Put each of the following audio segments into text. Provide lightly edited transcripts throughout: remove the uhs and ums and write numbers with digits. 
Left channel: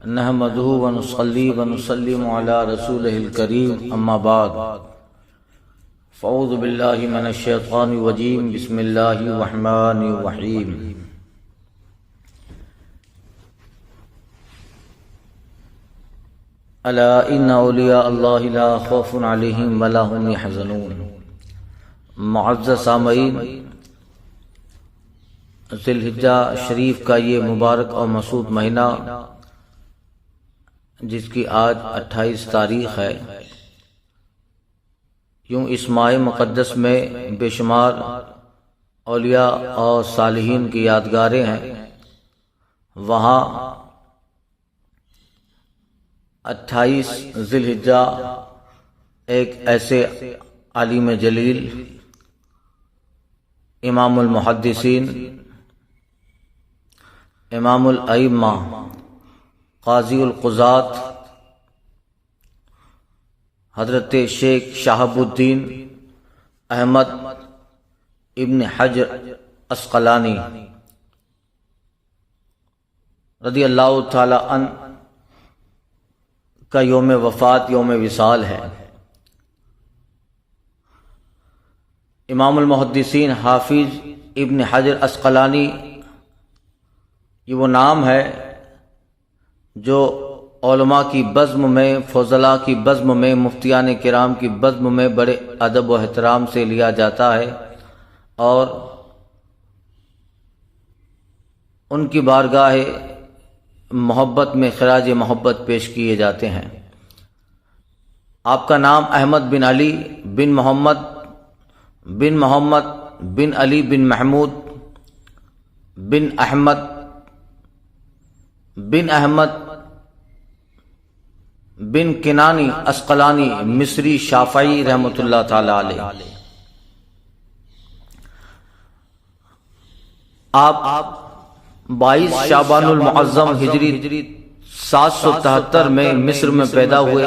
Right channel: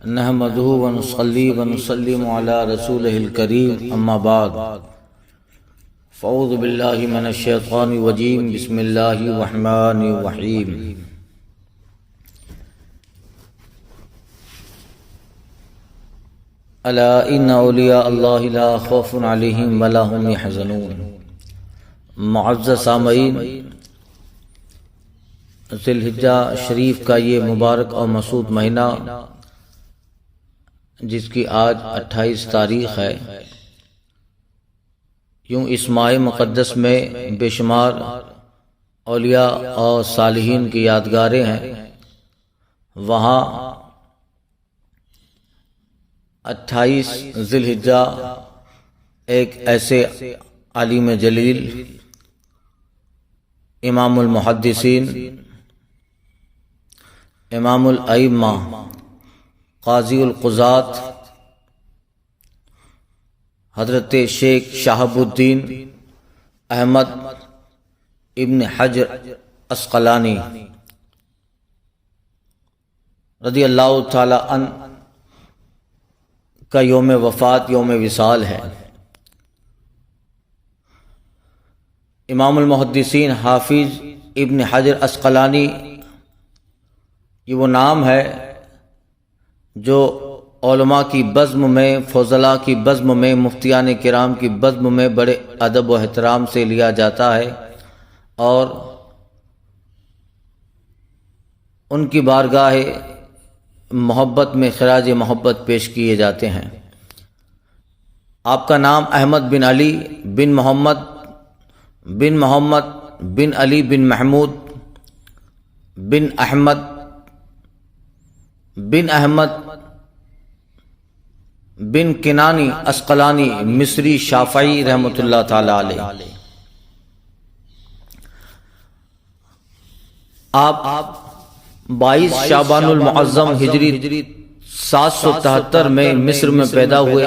نحمده ونصلي ونسلم على رسوله الكريم اما بعد فاعوذ بالله من الشيطان الرجيم بسم الله الرحمن الرحيم الا ان اولیاء اللہ لا خوف علیہم ولا هم يحزنون۔ معزز سامعین، ذی الحجہ شریف کا یہ مبارک اور مسعود مہینہ جس کی آج 28 تاریخ ہے، یوں اس ماہ مقدس میں بے شمار اولیاء اور صالحین کی یادگاریں ہیں۔ وہاں 28 ذی الحجہ ایک ایسے عالم جلیل، امام المحدثین، امام الائمہ، قاضی القضات، حضرت شیخ شہاب الدین احمد ابن حجر عسقلانی رضی اللہ تعالی عنہ کا یوم وفات، یوم وصال ہے۔ امام المحدثین حافظ ابن حجر عسقلانی یہ وہ نام ہے جو علماء کی بزم میں، فضلاء کی بزم میں، مفتیان کرام کی بزم میں بڑے ادب و احترام سے لیا جاتا ہے اور ان کی بارگاہ محبت میں خراج محبت پیش کیے جاتے ہیں۔ آپ کا نام احمد بن علی بن محمد بن علی بن محمود بن احمد بن کنانی عسقلانی مصری شافعی رحمۃ اللہ تعالی علیہ۔ آپ 22 شعبان المعظم ہجری 773 میں مصر میں پیدا ہوئے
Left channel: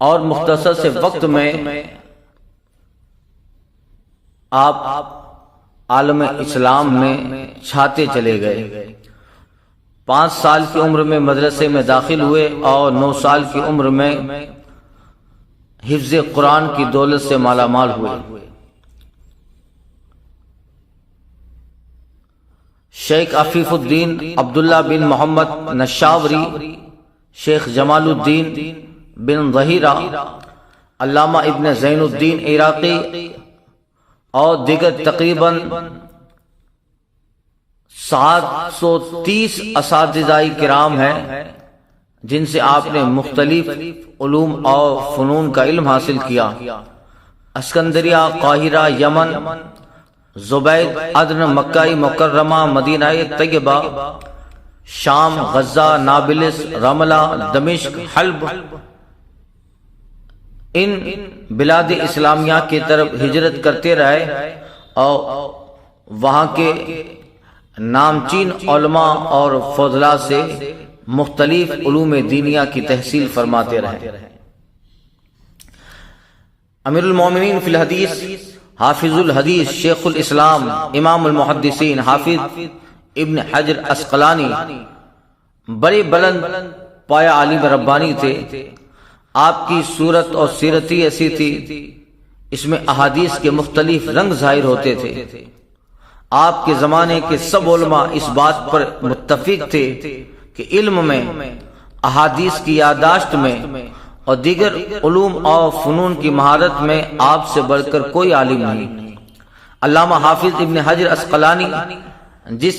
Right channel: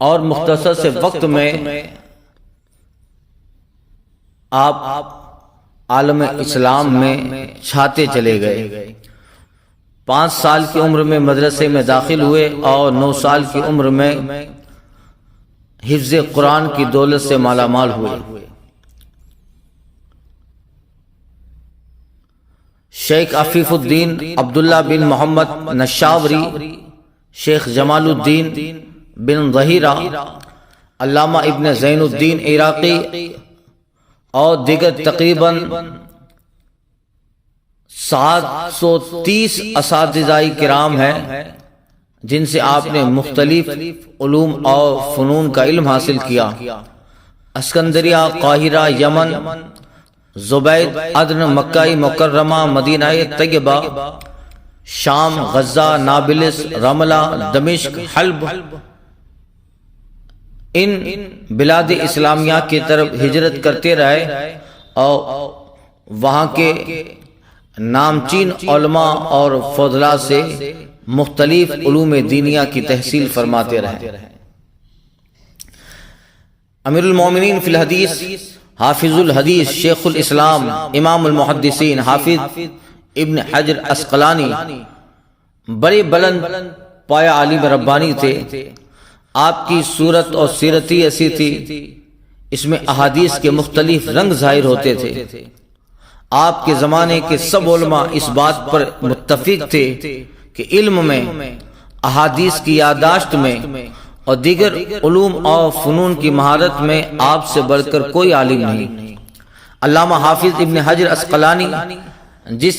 اور مختصر سے وقت میں آپ عالم اسلام میں چھاتے چلے گئے۔ 5 سال کی عمر میں مدرسے میں داخل ہوئے اور 9 سال کی عمر میں حفظ قرآن کی دولت سے مالا مال ہوئے۔ شیخ عفیف الدین عبداللہ بن محمد نشاوری، شیخ جمال الدین بن ظہیرہ، علامہ ابن زین الدین عراقی اور دیگر تقریباً 730 اساتذہ کرام ہیں جن سے آپ نے مختلف علوم اور فنون کا علم حاصل کیا۔ اسکندریہ، قاہرہ، یمن، زبید، عدن، مکہ مکرمہ، مدینہ طیبہ، شام، غزہ، نابلس، رملہ، دمشق، حلب، ان بلاد اسلامیہ کی طرف ہجرت کرتے رہے اور وہاں کے نامچین علماء اور فضلاء سے مختلف علوم دینیہ کی تحصیل فرماتے رہے۔ امیر المومنین فی الحدیث، حافظ الحدیث، شیخ الاسلام، امام المحدثین حافظ ابن حجر عسقلانی بڑے بلند پایہ عالم ربانی تھے۔ آپ کی صورت اور سیرت ہی ایسی تھی، اس میں احادیث کے مختلف رنگ ظاہر ہوتے تھے۔ آپ کے زمانے کے سب علماء اس بات پر متفق تھے کہ علم میں، احادیث کی یادداشت میں اور دیگر علوم اور فنون کی مہارت میں آپ سے بڑھ کر کوئی عالم نہیں۔ علامہ حافظ ابن حجر عسقلانی جس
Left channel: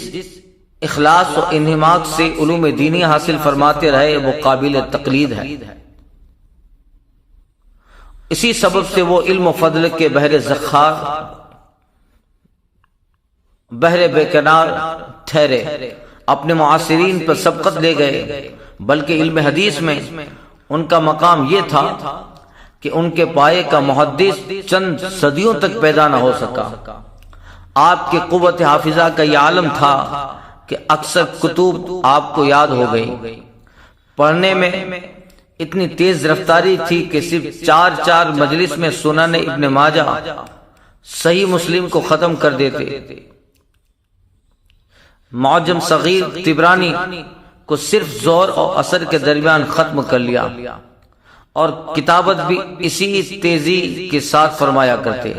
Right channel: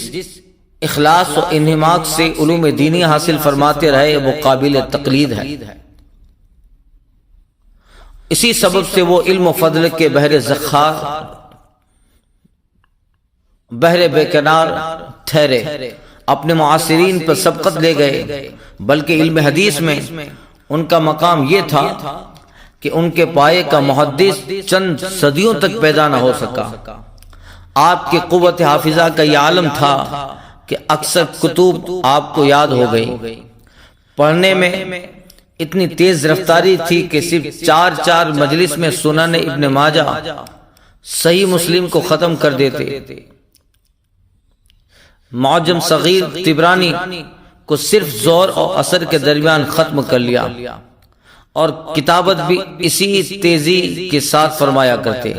اخلاص و انہماک سے علوم دینی حاصل فرماتے رہے وہ قابل تقلید ہے۔ اسی سبب سے وہ علم و فضل کے بحر زخار، بحر بے کنار ٹھہرے، اپنے معاصرین پر سبقت لے گئے، بلکہ علم حدیث میں ان کا مقام یہ تھا کہ ان کے پائے کا محدث چند صدیوں تک پیدا نہ ہو سکا۔ آپ کی قوت حافظہ کا یہ عالم تھا کہ اکثر کتب آپ کو یاد ہو گئی۔ پڑھنے میں اتنی تیز رفتاری تھی کہ صرف 4 مجلس میں سنن ابن ماجہ، صحیح مسلم کو ختم کر دیتے۔ معجم صغیر طبرانی کو صرف ظہر اور عصر کے درمیان ختم کر لیا، اور کتابت بھی اسی تیزی کے ساتھ فرمایا کرتے۔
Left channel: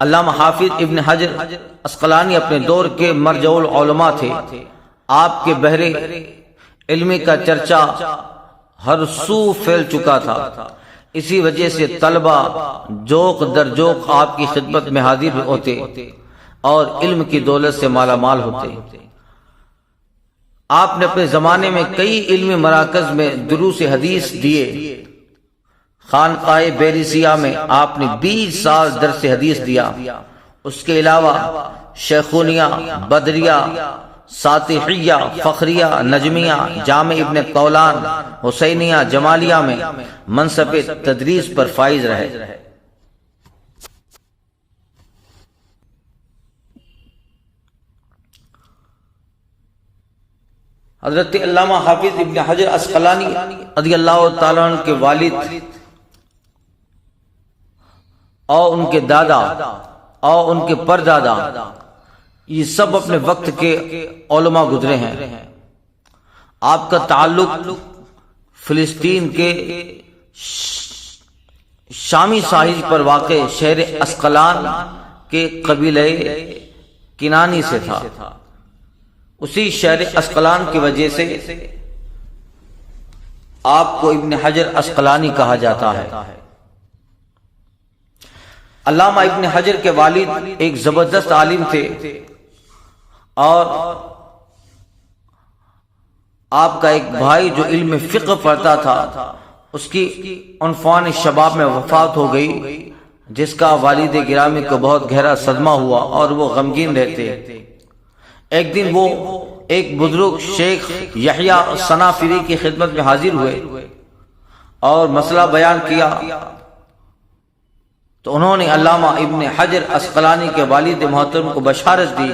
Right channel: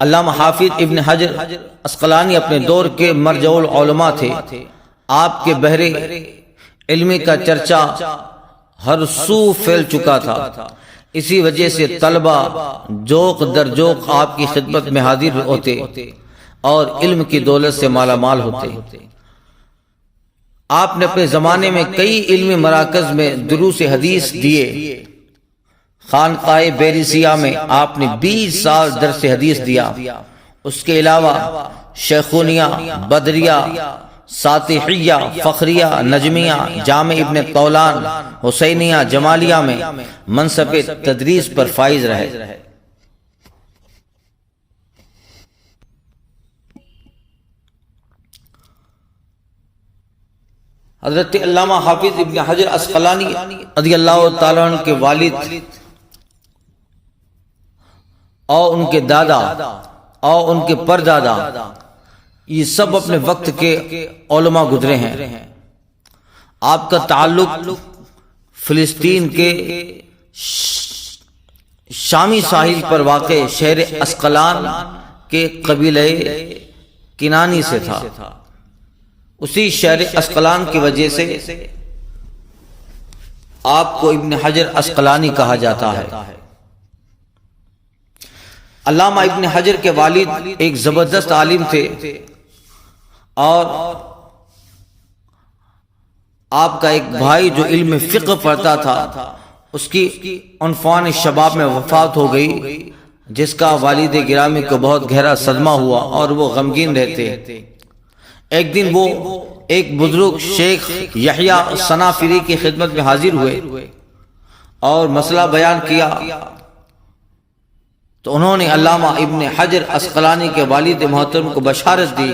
علامہ حافظ ابن حجر عسقلانی اپنے دور کے مرجع العلماء تھے۔ آپ کے بحر علمی کا چرچا ہر سو پھیل چکا تھا، اسی وجہ سے طلبہ جوق در جوق آپ کی خدمت میں حاضر ہوتے اور علم کی دولت سے مالا مال ہوتے۔ آپ نے اپنے زمانے میں کئی علمی مراکز میں دروس حدیث دیے۔ خانقاہ بیرسیہ میں آپ نے 20 سال درس حدیث دیا۔ اس کے علاوہ شیخونیہ، بدریہ، ساتحیہ، فخریہ، نجمیہ، جامع ابن قولان، حسینیہ، جمالیہ میں منصب تدریس پر فائز رہے۔ حضرت علامہ حافظ ابن حجر عسقلانی رضی اللہ تعالیٰ عنہ کے والد اور ان کے دادا اور ان کے پردادا یہ سب اپنے وقت کے علماء گزرے ہیں۔ آپ کا تعلق فلسطین کے شامی ساحل پر واقع شہر عسقلان کے قبیلہ کنانی سے تھا۔ اسی شہر عسقلان کی وجہ سے آپ کو ابن حجر عسقلانی کہا جاتا ہے۔ علامہ ابن حجر کے والد ایک زبردست عالم تھے، اور آپ کا ایک بھائی جو علم فقہ پڑھتا تھا، اس کی عنفوان شباب میں وفات ہو گئی، جس کا والد گرامی کو بہت گہرا صدمہ ہوا اور وہ غمگین رہتے۔ ایک دن وہ ایک بزرگ شیخ یحییٰ صنافری کی خدمت میں حاضر ہوئے اور مسئلہ بیان کیا، تو انہوں نے علامہ ابن حجر عسقلانی کے والد محترم کو بشارت دی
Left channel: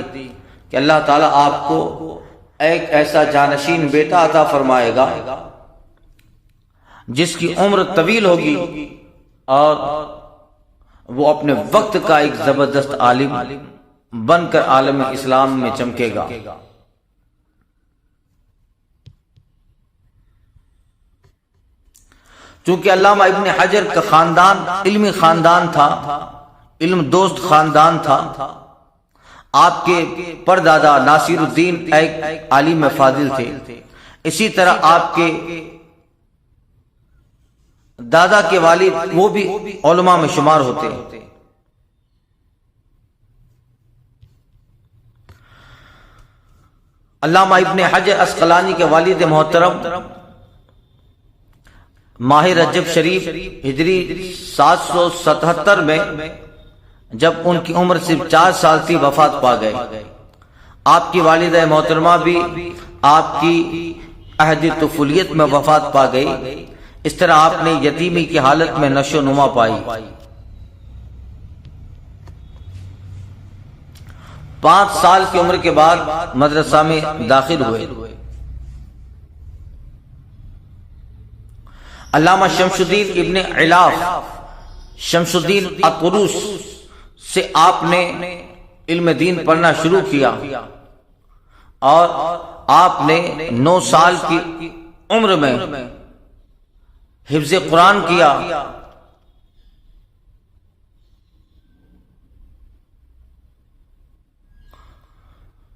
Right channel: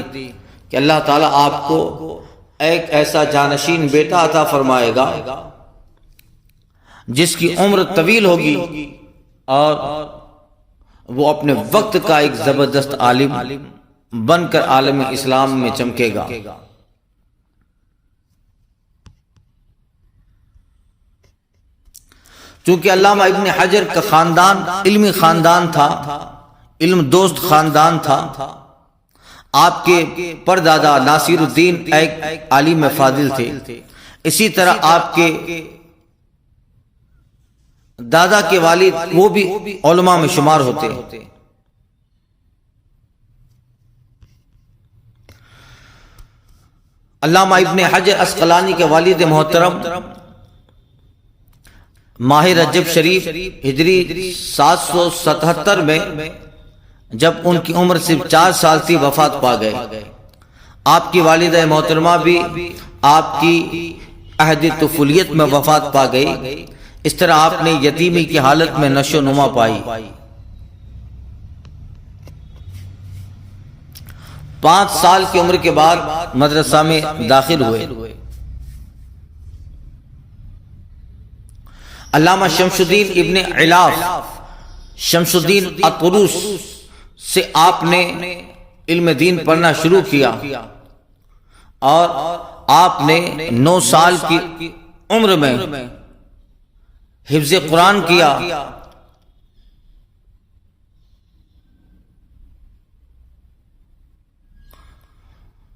کہ اللہ تعالیٰ آپ کو ایک ایسا جانشین بیٹا عطا فرمائے گا جس کی عمر طویل ہوگی اور وہ اپنے وقت کا ایک زبردست عالم بن کر عالم اسلام میں چمکے گا۔ چونکہ علامہ ابن حجر کا خاندان علمی خاندان تھا، علم دوست خاندان تھا، آپ کے پردادا ناصر الدین ایک عالم فاضل تھے، اسی طرح آپ کے دادا کے والد وہ بھی علماء میں شمار ہوتے۔ علامہ ابن حجر عسقلانی کے والد محترم ماہ رجب شریف ہجری 777 میں جب ان کی عمر صرف 4 سال تھی وفات پا گئے۔ آپ کی والدہ محترمہ بھی آپ کی عہد طفولیت میں وفات پا گئی۔ اس طرح آپ نے یتیمی کی حالت میں نشو و نما پائی۔ 5 سال کی عمر کے بعد مدرسہ میں داخل ہوئے۔ علامہ شمس الدین ابن علاف شمس الدین اقروس سے آپ نے علم دین پڑھنا شروع کیا، اور آپ نے 9 سال کی عمر میں حفظ قرآن کیا۔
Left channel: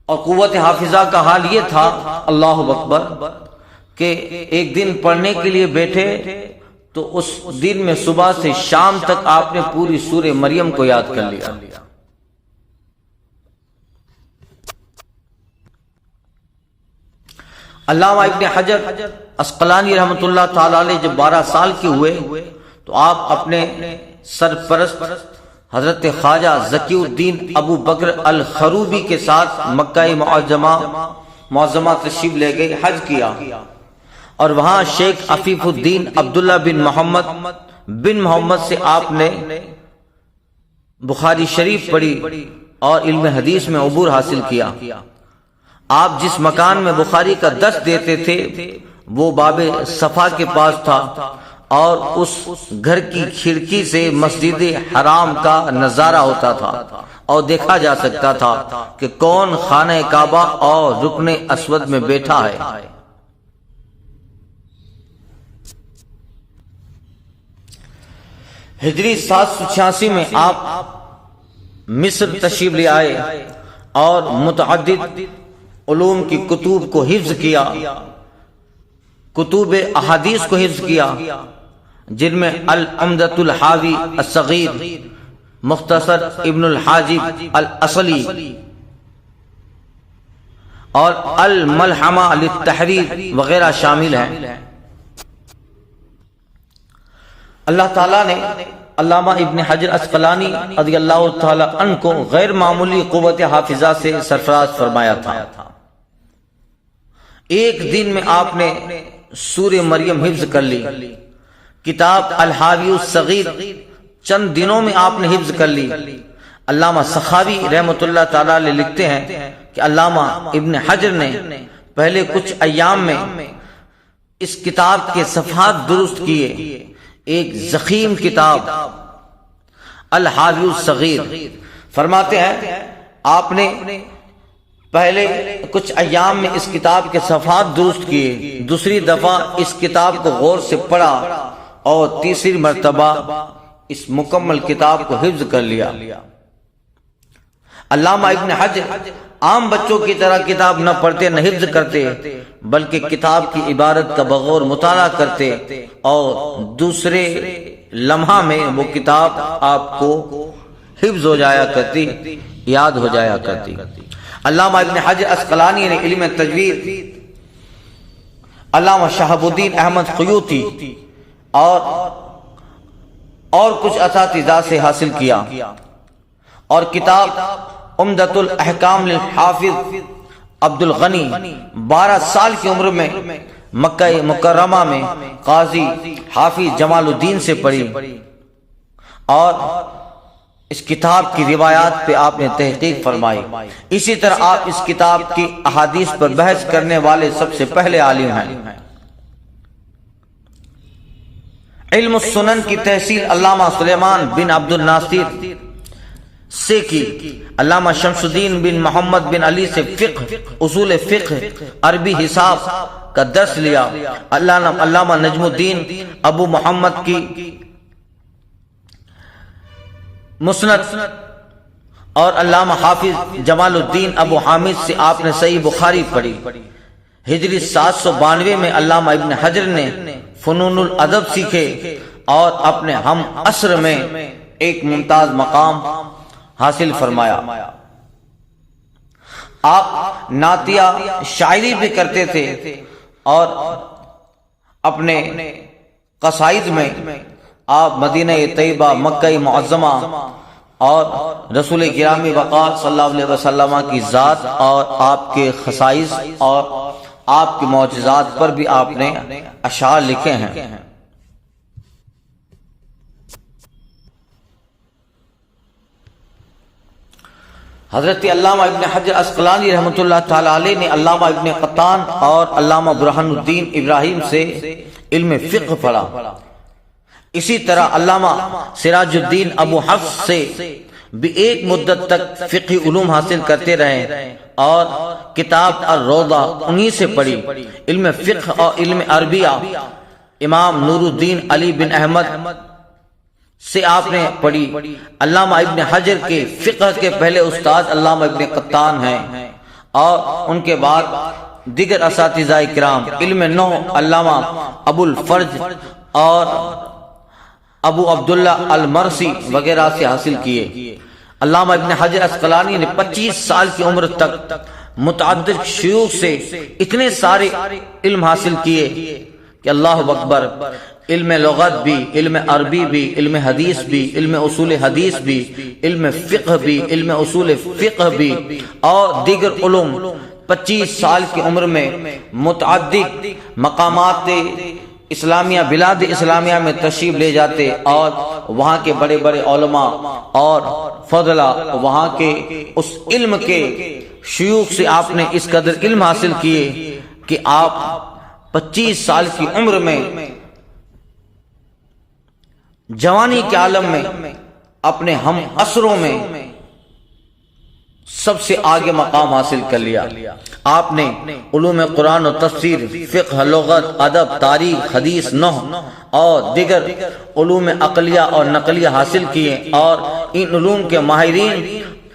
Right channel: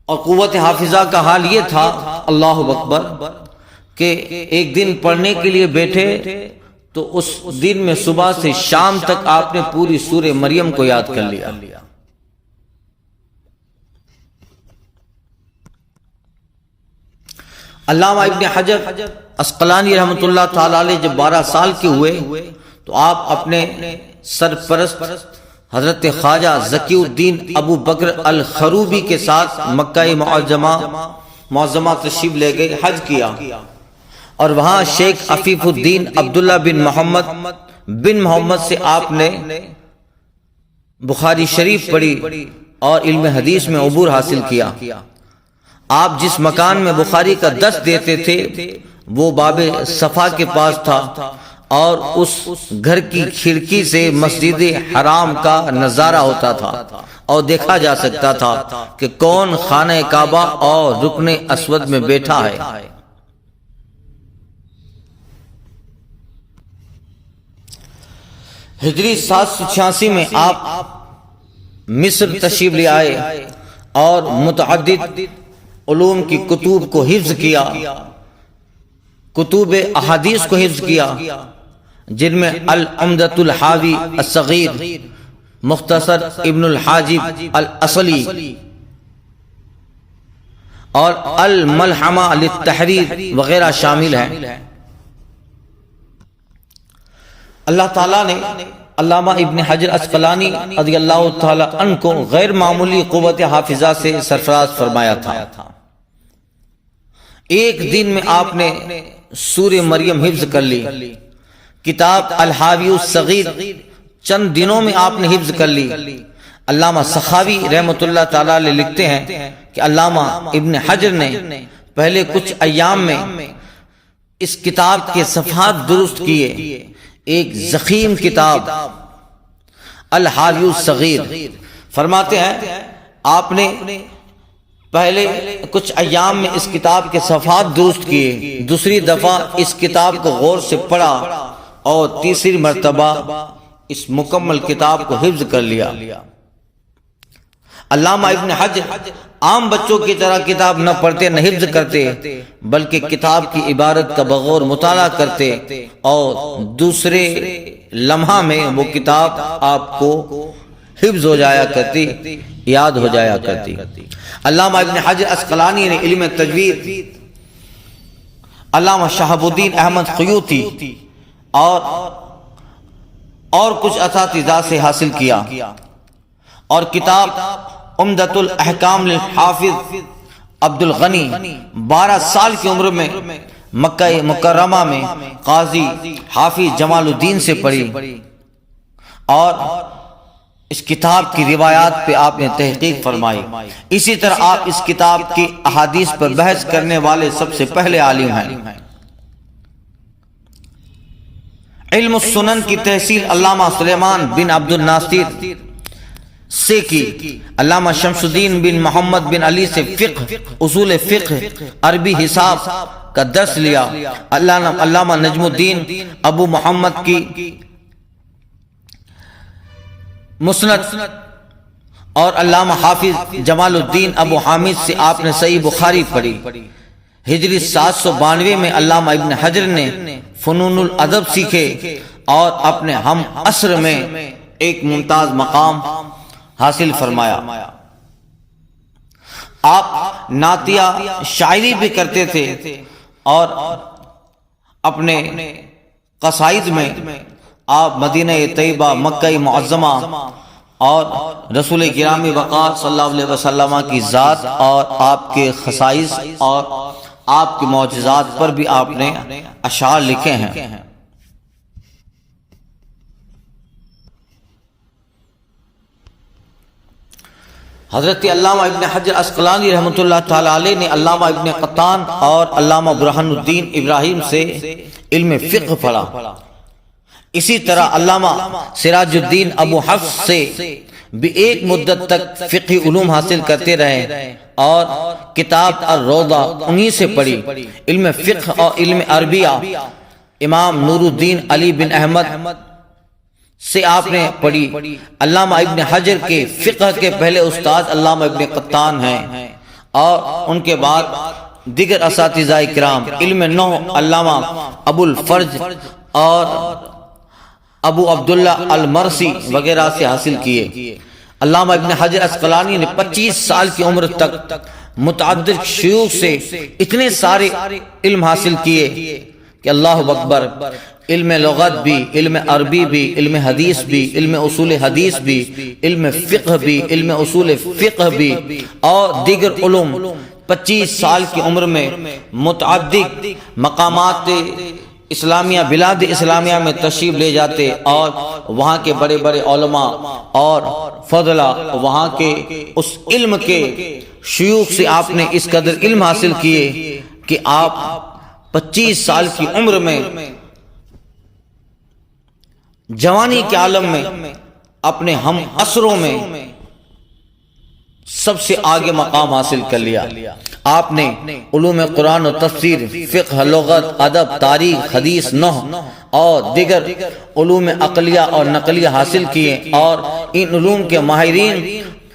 اور قوت حافظہ کا حال یہ تھا، اللہ اکبر، کہ ایک دن پڑھنے کے لیے بیٹھے تو اس دن میں صبح سے شام تک آپ نے پوری سورہ مریم کو یاد کر لیا۔ علامہ ابن حجر عسقلانی رحمۃ اللہ تعالی علیہ جب 12 سال کے ہوئے تو آپ اپنے سرپرست حضرت خواجہ ذکی الدین ابو بکر الخروبی کے ساتھ مکہ معظمہ تشریف لے گئے، حج کیا، اور وہاں شیخ عفیف الدین عبداللہ بن محمد سے آپ نے بخاری شریف پڑھی اور علم حدیث میں عبور حاصل کیا۔ آپ جس مکان میں بخاری کا درس دیتے تھے وہ باب صفا کے پاس تھا، اور اس گھر کی کھڑکی سے مسجد حرام کا نظارہ ہوتا تھا، اور دیکھا جا سکتا تھا کہ کون خانہ کعبہ اور رکن اسود میں بیٹھا ہے۔ ہجری 786 میں آپ مصر تشریف لے آئے اور متعدد علوم کی کتب کو حفظ کیا، کتب احادیث کو حفظ کیا، جن میں العمدۃ الحاوی الصغیر، مختصر ابن الحاجب الاصلی اور الملحمہ للتحریر وغیرہ شامل ہیں۔ اللہ تعالیٰ نے علامہ ابن حجر عسقلانی رضی اللہ تعالی عنہ کو غیر معمولی قوت حافظہ سے سرفراز فرمایا تھا۔ ایک دن میں آپ نے سورہ مریم حفظ کر لی، کتاب الحاوی الصغیر چند دنوں میں آپ نے حفظ کر لی۔ علامہ سخاوی رحمۃ اللہ تعالی علیہ لکھتے ہیں کہ علامہ ابن حجر نے پہلے کچھ ایام میں اس کتاب کے صفحات درست کیے۔ ایک ضخیم کتاب الحاوی الصغیر، فرماتے ہیں آپ نے پہلے کچھ ایام میں اس کتاب کے صفحات درست کیے، دوسری دفعہ اس کتاب کو غور سے پڑھا اور تیسری مرتبہ اس مکمل کتاب کو حفظ کر لیا۔ علامہ ابن حجر عام بچوں کی طرح کتاب نہ پڑھتے نہ حفظ کرتے، بلکہ کتاب کی عبارت کا بغور مطالعہ کرتے اور دوسرے لمحہ میں وہ کتاب آپ کو حفظ ہو جایا کرتی، یاد ہو جایا کرتی۔ علامہ ابن حجر عسقلانی نے علم تجوید علامہ شہاب الدین احمد خیوطی اور کچھ اساتذہ سے حاصل کیا، اور کتاب عمدۃ الاحکام للحافظ عبد الغنی 12 سال کی عمر میں مکہ مکرمہ میں قاضی حافظ جمال الدین سے پڑھی، اور اس کتاب کی روایات پہ آپ نے تحقیق فرمائی۔ اسی طرح آپ اس کتاب کی احادیث پر بحث کرنے والے سب سے پہلے عالم ہیں۔ علم السنن کی تحصیل علامہ سلیمان بن عبد الناصر سے کی، علامہ شمس الدین بن محمد بن علی سے فقہ، اصول فقہ، عربی حساب کا درس لیا، علامہ نجم الدین ابو محمد کی مسند اور علامہ حافظ جمال الدین ابو حامد سے آپ نے صحیح بخاری پڑھی۔ ہجری 792 میں علامہ ابن حجر نے فنون الادب سیکھے اور اپنے ہم عصر میں ایک ممتاز مقام حاصل فرمایا۔ آپ نعتیہ شاعری بھی کرتے تھے اور اپنے قصائد میں آپ مدینہ طیبہ، مکہ معظمہ اور رسول گرامی وقار صلی اللہ علیہ وسلم کی ذات اور آپ کے خصائص اور آپ کے معجزات پر بھی آپ نے اشعار لکھے ہیں۔ حضرت علامہ ابن حجر عسقلانی رحمۃ اللہ تعالی علیہ نے علامہ ابن قطان اور علامہ برہان الدین ابراہیم سے علم فقہ پڑھا۔ اسی طرح علامہ سراج الدین ابو حفص سے بھی ایک مدت تک فقہی علوم حاصل کرتے رہے اور کتاب الروضہ انہی سے پڑھی۔ علم فقہ اور علم عربیہ امام نور الدین علی بن احمد سے آپ نے پڑھی۔ علامہ ابن حجر کے فقہ کے پہلے استاد علامہ ابن قطان ہیں اور ان کے بعد دیگر اساتذہ کرام علم نحو علامہ ابو الفرج اور ابو عبداللہ المرسی وغیرہ سے حاصل کیے۔ علامہ ابن حجر عسقلانی نے 25 سال کی عمر تک متعدد شیوخ سے اتنے سارے علم حاصل کیے کہ اللہ اکبر، علم لغت بھی، علم عربی بھی، علم حدیث بھی، علم اصول حدیث بھی، علم فقہ بھی، علم اصول فقہ بھی اور دیگر علوم 25 سال کی عمر میں متعدد مقامات اسلامیہ، بلاد اسلامیہ میں تشریف لے جاتے اور وہاں کے بڑے بڑے علماء اور فضلاء، وہاں کے اس علم کے شیوخ سے آپ نے اس قدر علم حاصل کیے کہ آپ 25 سال کی عمر میں جوانی کے عالم میں اپنے ہم عصروں میں سب سے آگے مقام حاصل کر لیا۔ آپ نے علوم قرآن و تفسیر، فقہ، لغت، ادب، تاریخ، حدیث، نحو اور دیگر علوم عقلیہ اور نقلیہ حاصل کیے، اور ان علوم کے ماہرین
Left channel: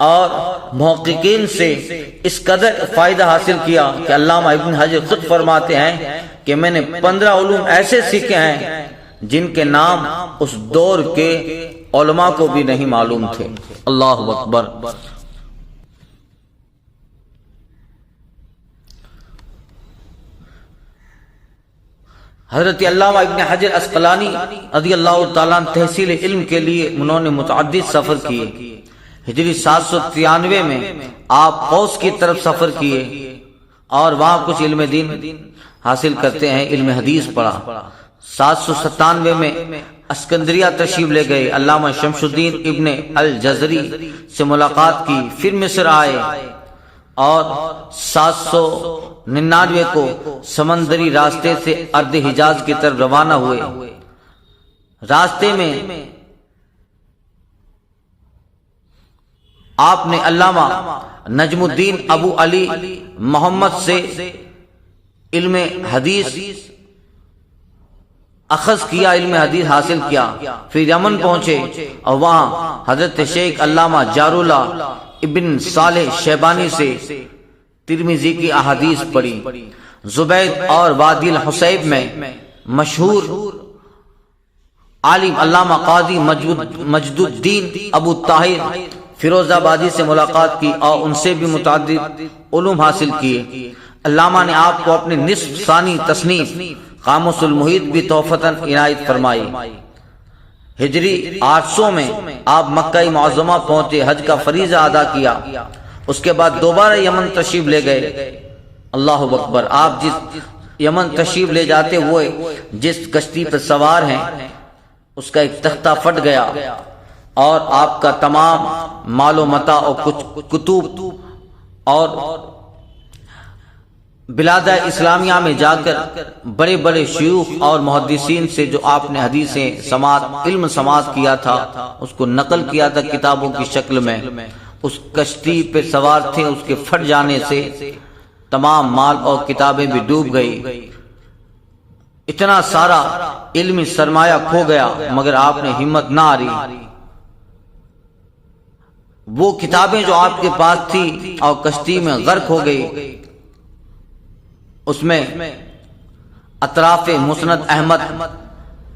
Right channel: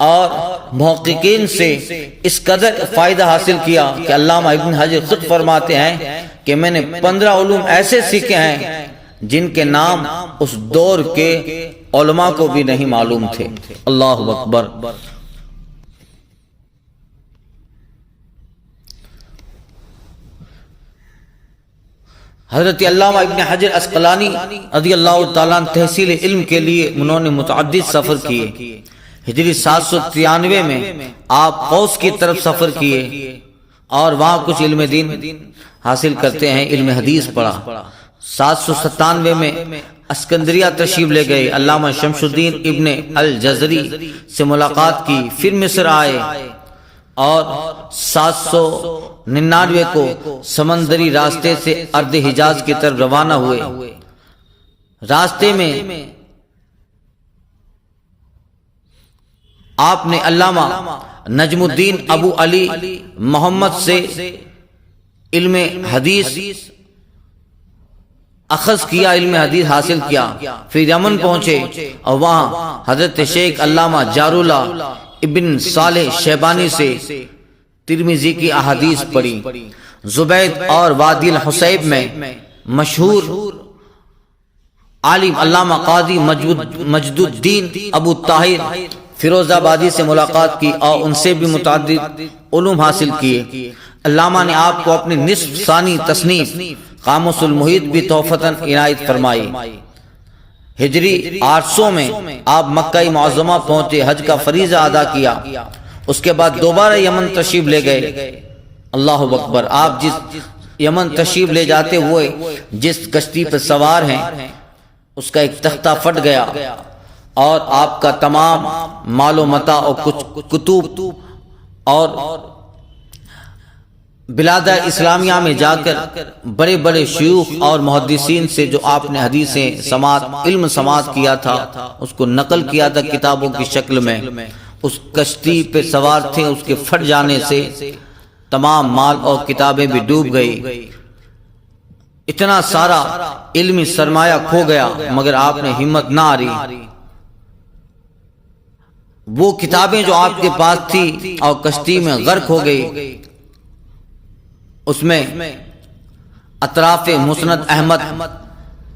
اور محققین سے اس قدر فائدہ حاصل کیا کہ علامہ ابن حجر خود فرماتے ہیں کہ میں نے 15 علوم ایسے سیکھے ہیں جن کے نام اس دور کے علماء کو بھی نہیں معلوم تھے۔ اللہ اکبر۔ حضرت علامہ ابن حجر اسقلانی رضی اللہ تعالیٰ تحصیل علم کے لیے انہوں نے متعدد سفر کیے۔ ہجری 793 میں آپ قوس کی طرف سفر کیے اور وہاں کچھ علم دین حاصل کرتے ہیں، علم حدیث پڑھا۔ 797 میں اسکندریہ تشریف لے گئے، علامہ شمس الدین ابن الجزری سے ملاقات کی، پھر مصر آئے اور 799 کو سمندری راستے سے ارض حجاز کی طرف روانہ ہوئے۔ راستے میں آپ نے علامہ نجم الدین ابو علی محمد سے علم حدیث اخذ کیا، علم حدیث حاصل کیا، پھر یمن پہنچے اور وہاں حضرت شیخ علامہ جاراللہ ابن صالح شیبانی سے ترمذی کی احادیث پڑھی۔ زبید اور وادی الحسیب میں مشہور عالم علامہ قاضی مجد الدین ابو طاہر فیروز آبادی سے ملاقات کی اور ان سے بھی متعدد علوم حاصل کیے۔ علامہ نے آپ کو اپنی نصف ثانی تصنیف قاموس المحیط بھی تحفتاً عنایت فرمائی۔ ہجری 800 میں آپ مکہ معظمہ پہنچے، حج کا فریضہ ادا کیا، اس کے بعد دوبارہ یمن تشریف لے گئے۔ اللہ اکبر۔ آپ جس یمن تشریف لے جاتے ہوئے جس کشتی پر سوار ہیں اس کا ایک تختہ پھٹ گیا اور آپ کا تمام مال و متاع اور کچھ کتب اور بلاد اسلامیہ میں جا کر بڑے بڑے شیوخ اور محدثین سے جو آپ نے حدیثیں سماعت علم سماعت کیا تھا اس کو نقل کیا تھا کتابوں کی شکل میں، اس کشتی پہ سوار تھے، اس کے پھٹ جانے سے تمام مال اور کتابیں بھی ڈوب گئی، اتنا سارا علمی سرمایہ کھو گیا، مگر آپ نے ہمت نہ ہاری۔ وہ کتابیں جو آپ کے پاس تھی اور کشتی میں غرق ہو گئی، اس میں اطراف مسند احمد،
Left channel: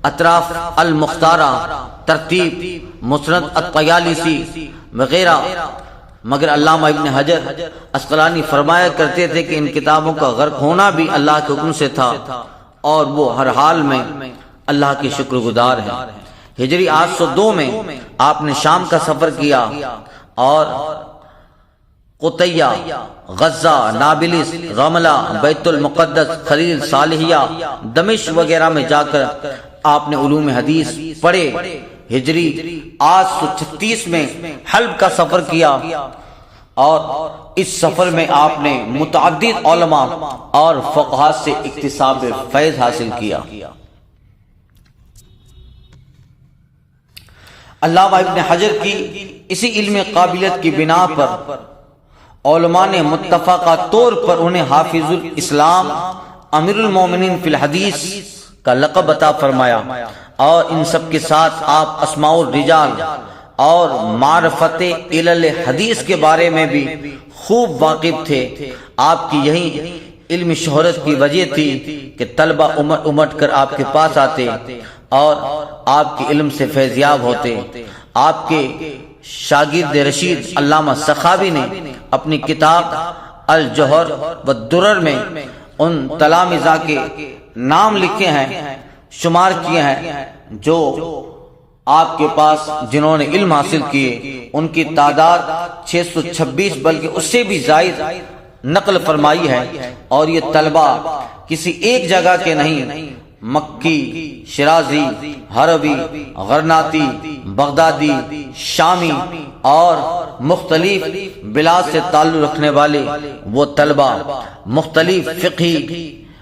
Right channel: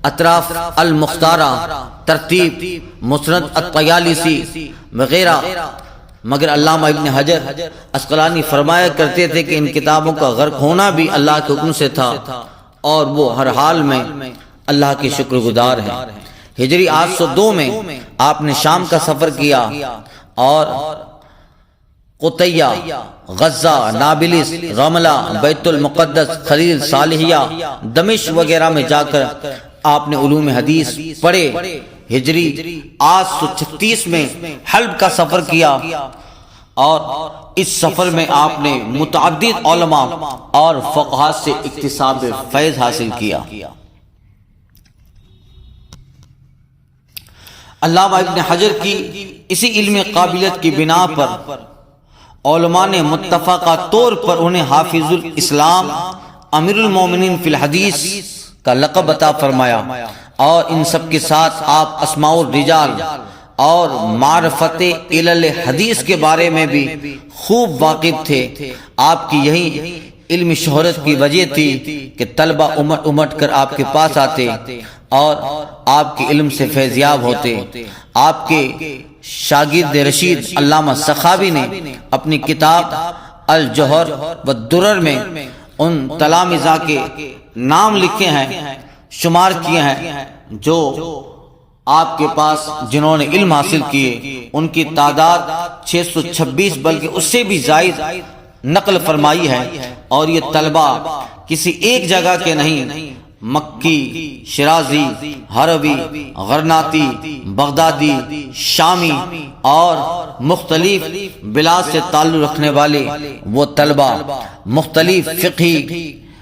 اطراف المختارہ، ترتیب مسند الطیالسی وغیرہ، مگر علامہ ابن حجر اسقلانی فرمایا کرتے تھے کہ ان کتابوں کا غرق ہونا بھی اللہ کے حکم سے تھا اور وہ ہر حال میں اللہ کے شکر گزار ہیں۔ ہجری 802 میں آپ نے شام کا سفر کیا اور قطیہ، غزہ، نابلس، غملہ، بیت المقدس، خلیل، صالحیہ، دمشق وغیرہ میں جا کر آپ نے علوم حدیث پڑھے۔ ہجری 836 میں حلب کا سفر کیا اور اس سفر میں آپ نے متعدد علماء اور فقہاء سے اکتساب فیض حاصل کیا۔ علامہ ابن حجر کی اسی علم قابلیت کی بنا پر علماء نے متفقہ طور پر انہیں حافظ الاسلام، امیر المومنین فی الحدیث کا لقب عطا فرمایا، اور ان سب کے ساتھ آپ اسماء الرجال اور معرفت علل حدیث کے بارے میں بھی خوب واقف تھے۔ آپ کی یہی علمی شہرت کی وجہ تھی کہ طلبہ امٹ امٹ کر آپ کے پاس آتے اور آپ کے علم سے فیضیاب ہوتے۔ آپ کے شاگرد رشید علامہ سخاوی نے اپنی کتاب الجوہر والدرر میں ان تلامذہ کے نام لکھے ہیں، شمار کیے ہیں جو آپ کے پاس جنہوں نے علم حاصل کیے، ان کی تعداد 626 بلکہ اس سے بھی زائد نقل فرمائی ہے، اور یہ طلبہ کسی ایک جگہ کے نہیں، مکی، شرازی، حربی، غرناطی، بغدادی، شامی اور مختلف بلاد سے تعلق رکھنے والے وہ طلبہ مختلف فقہی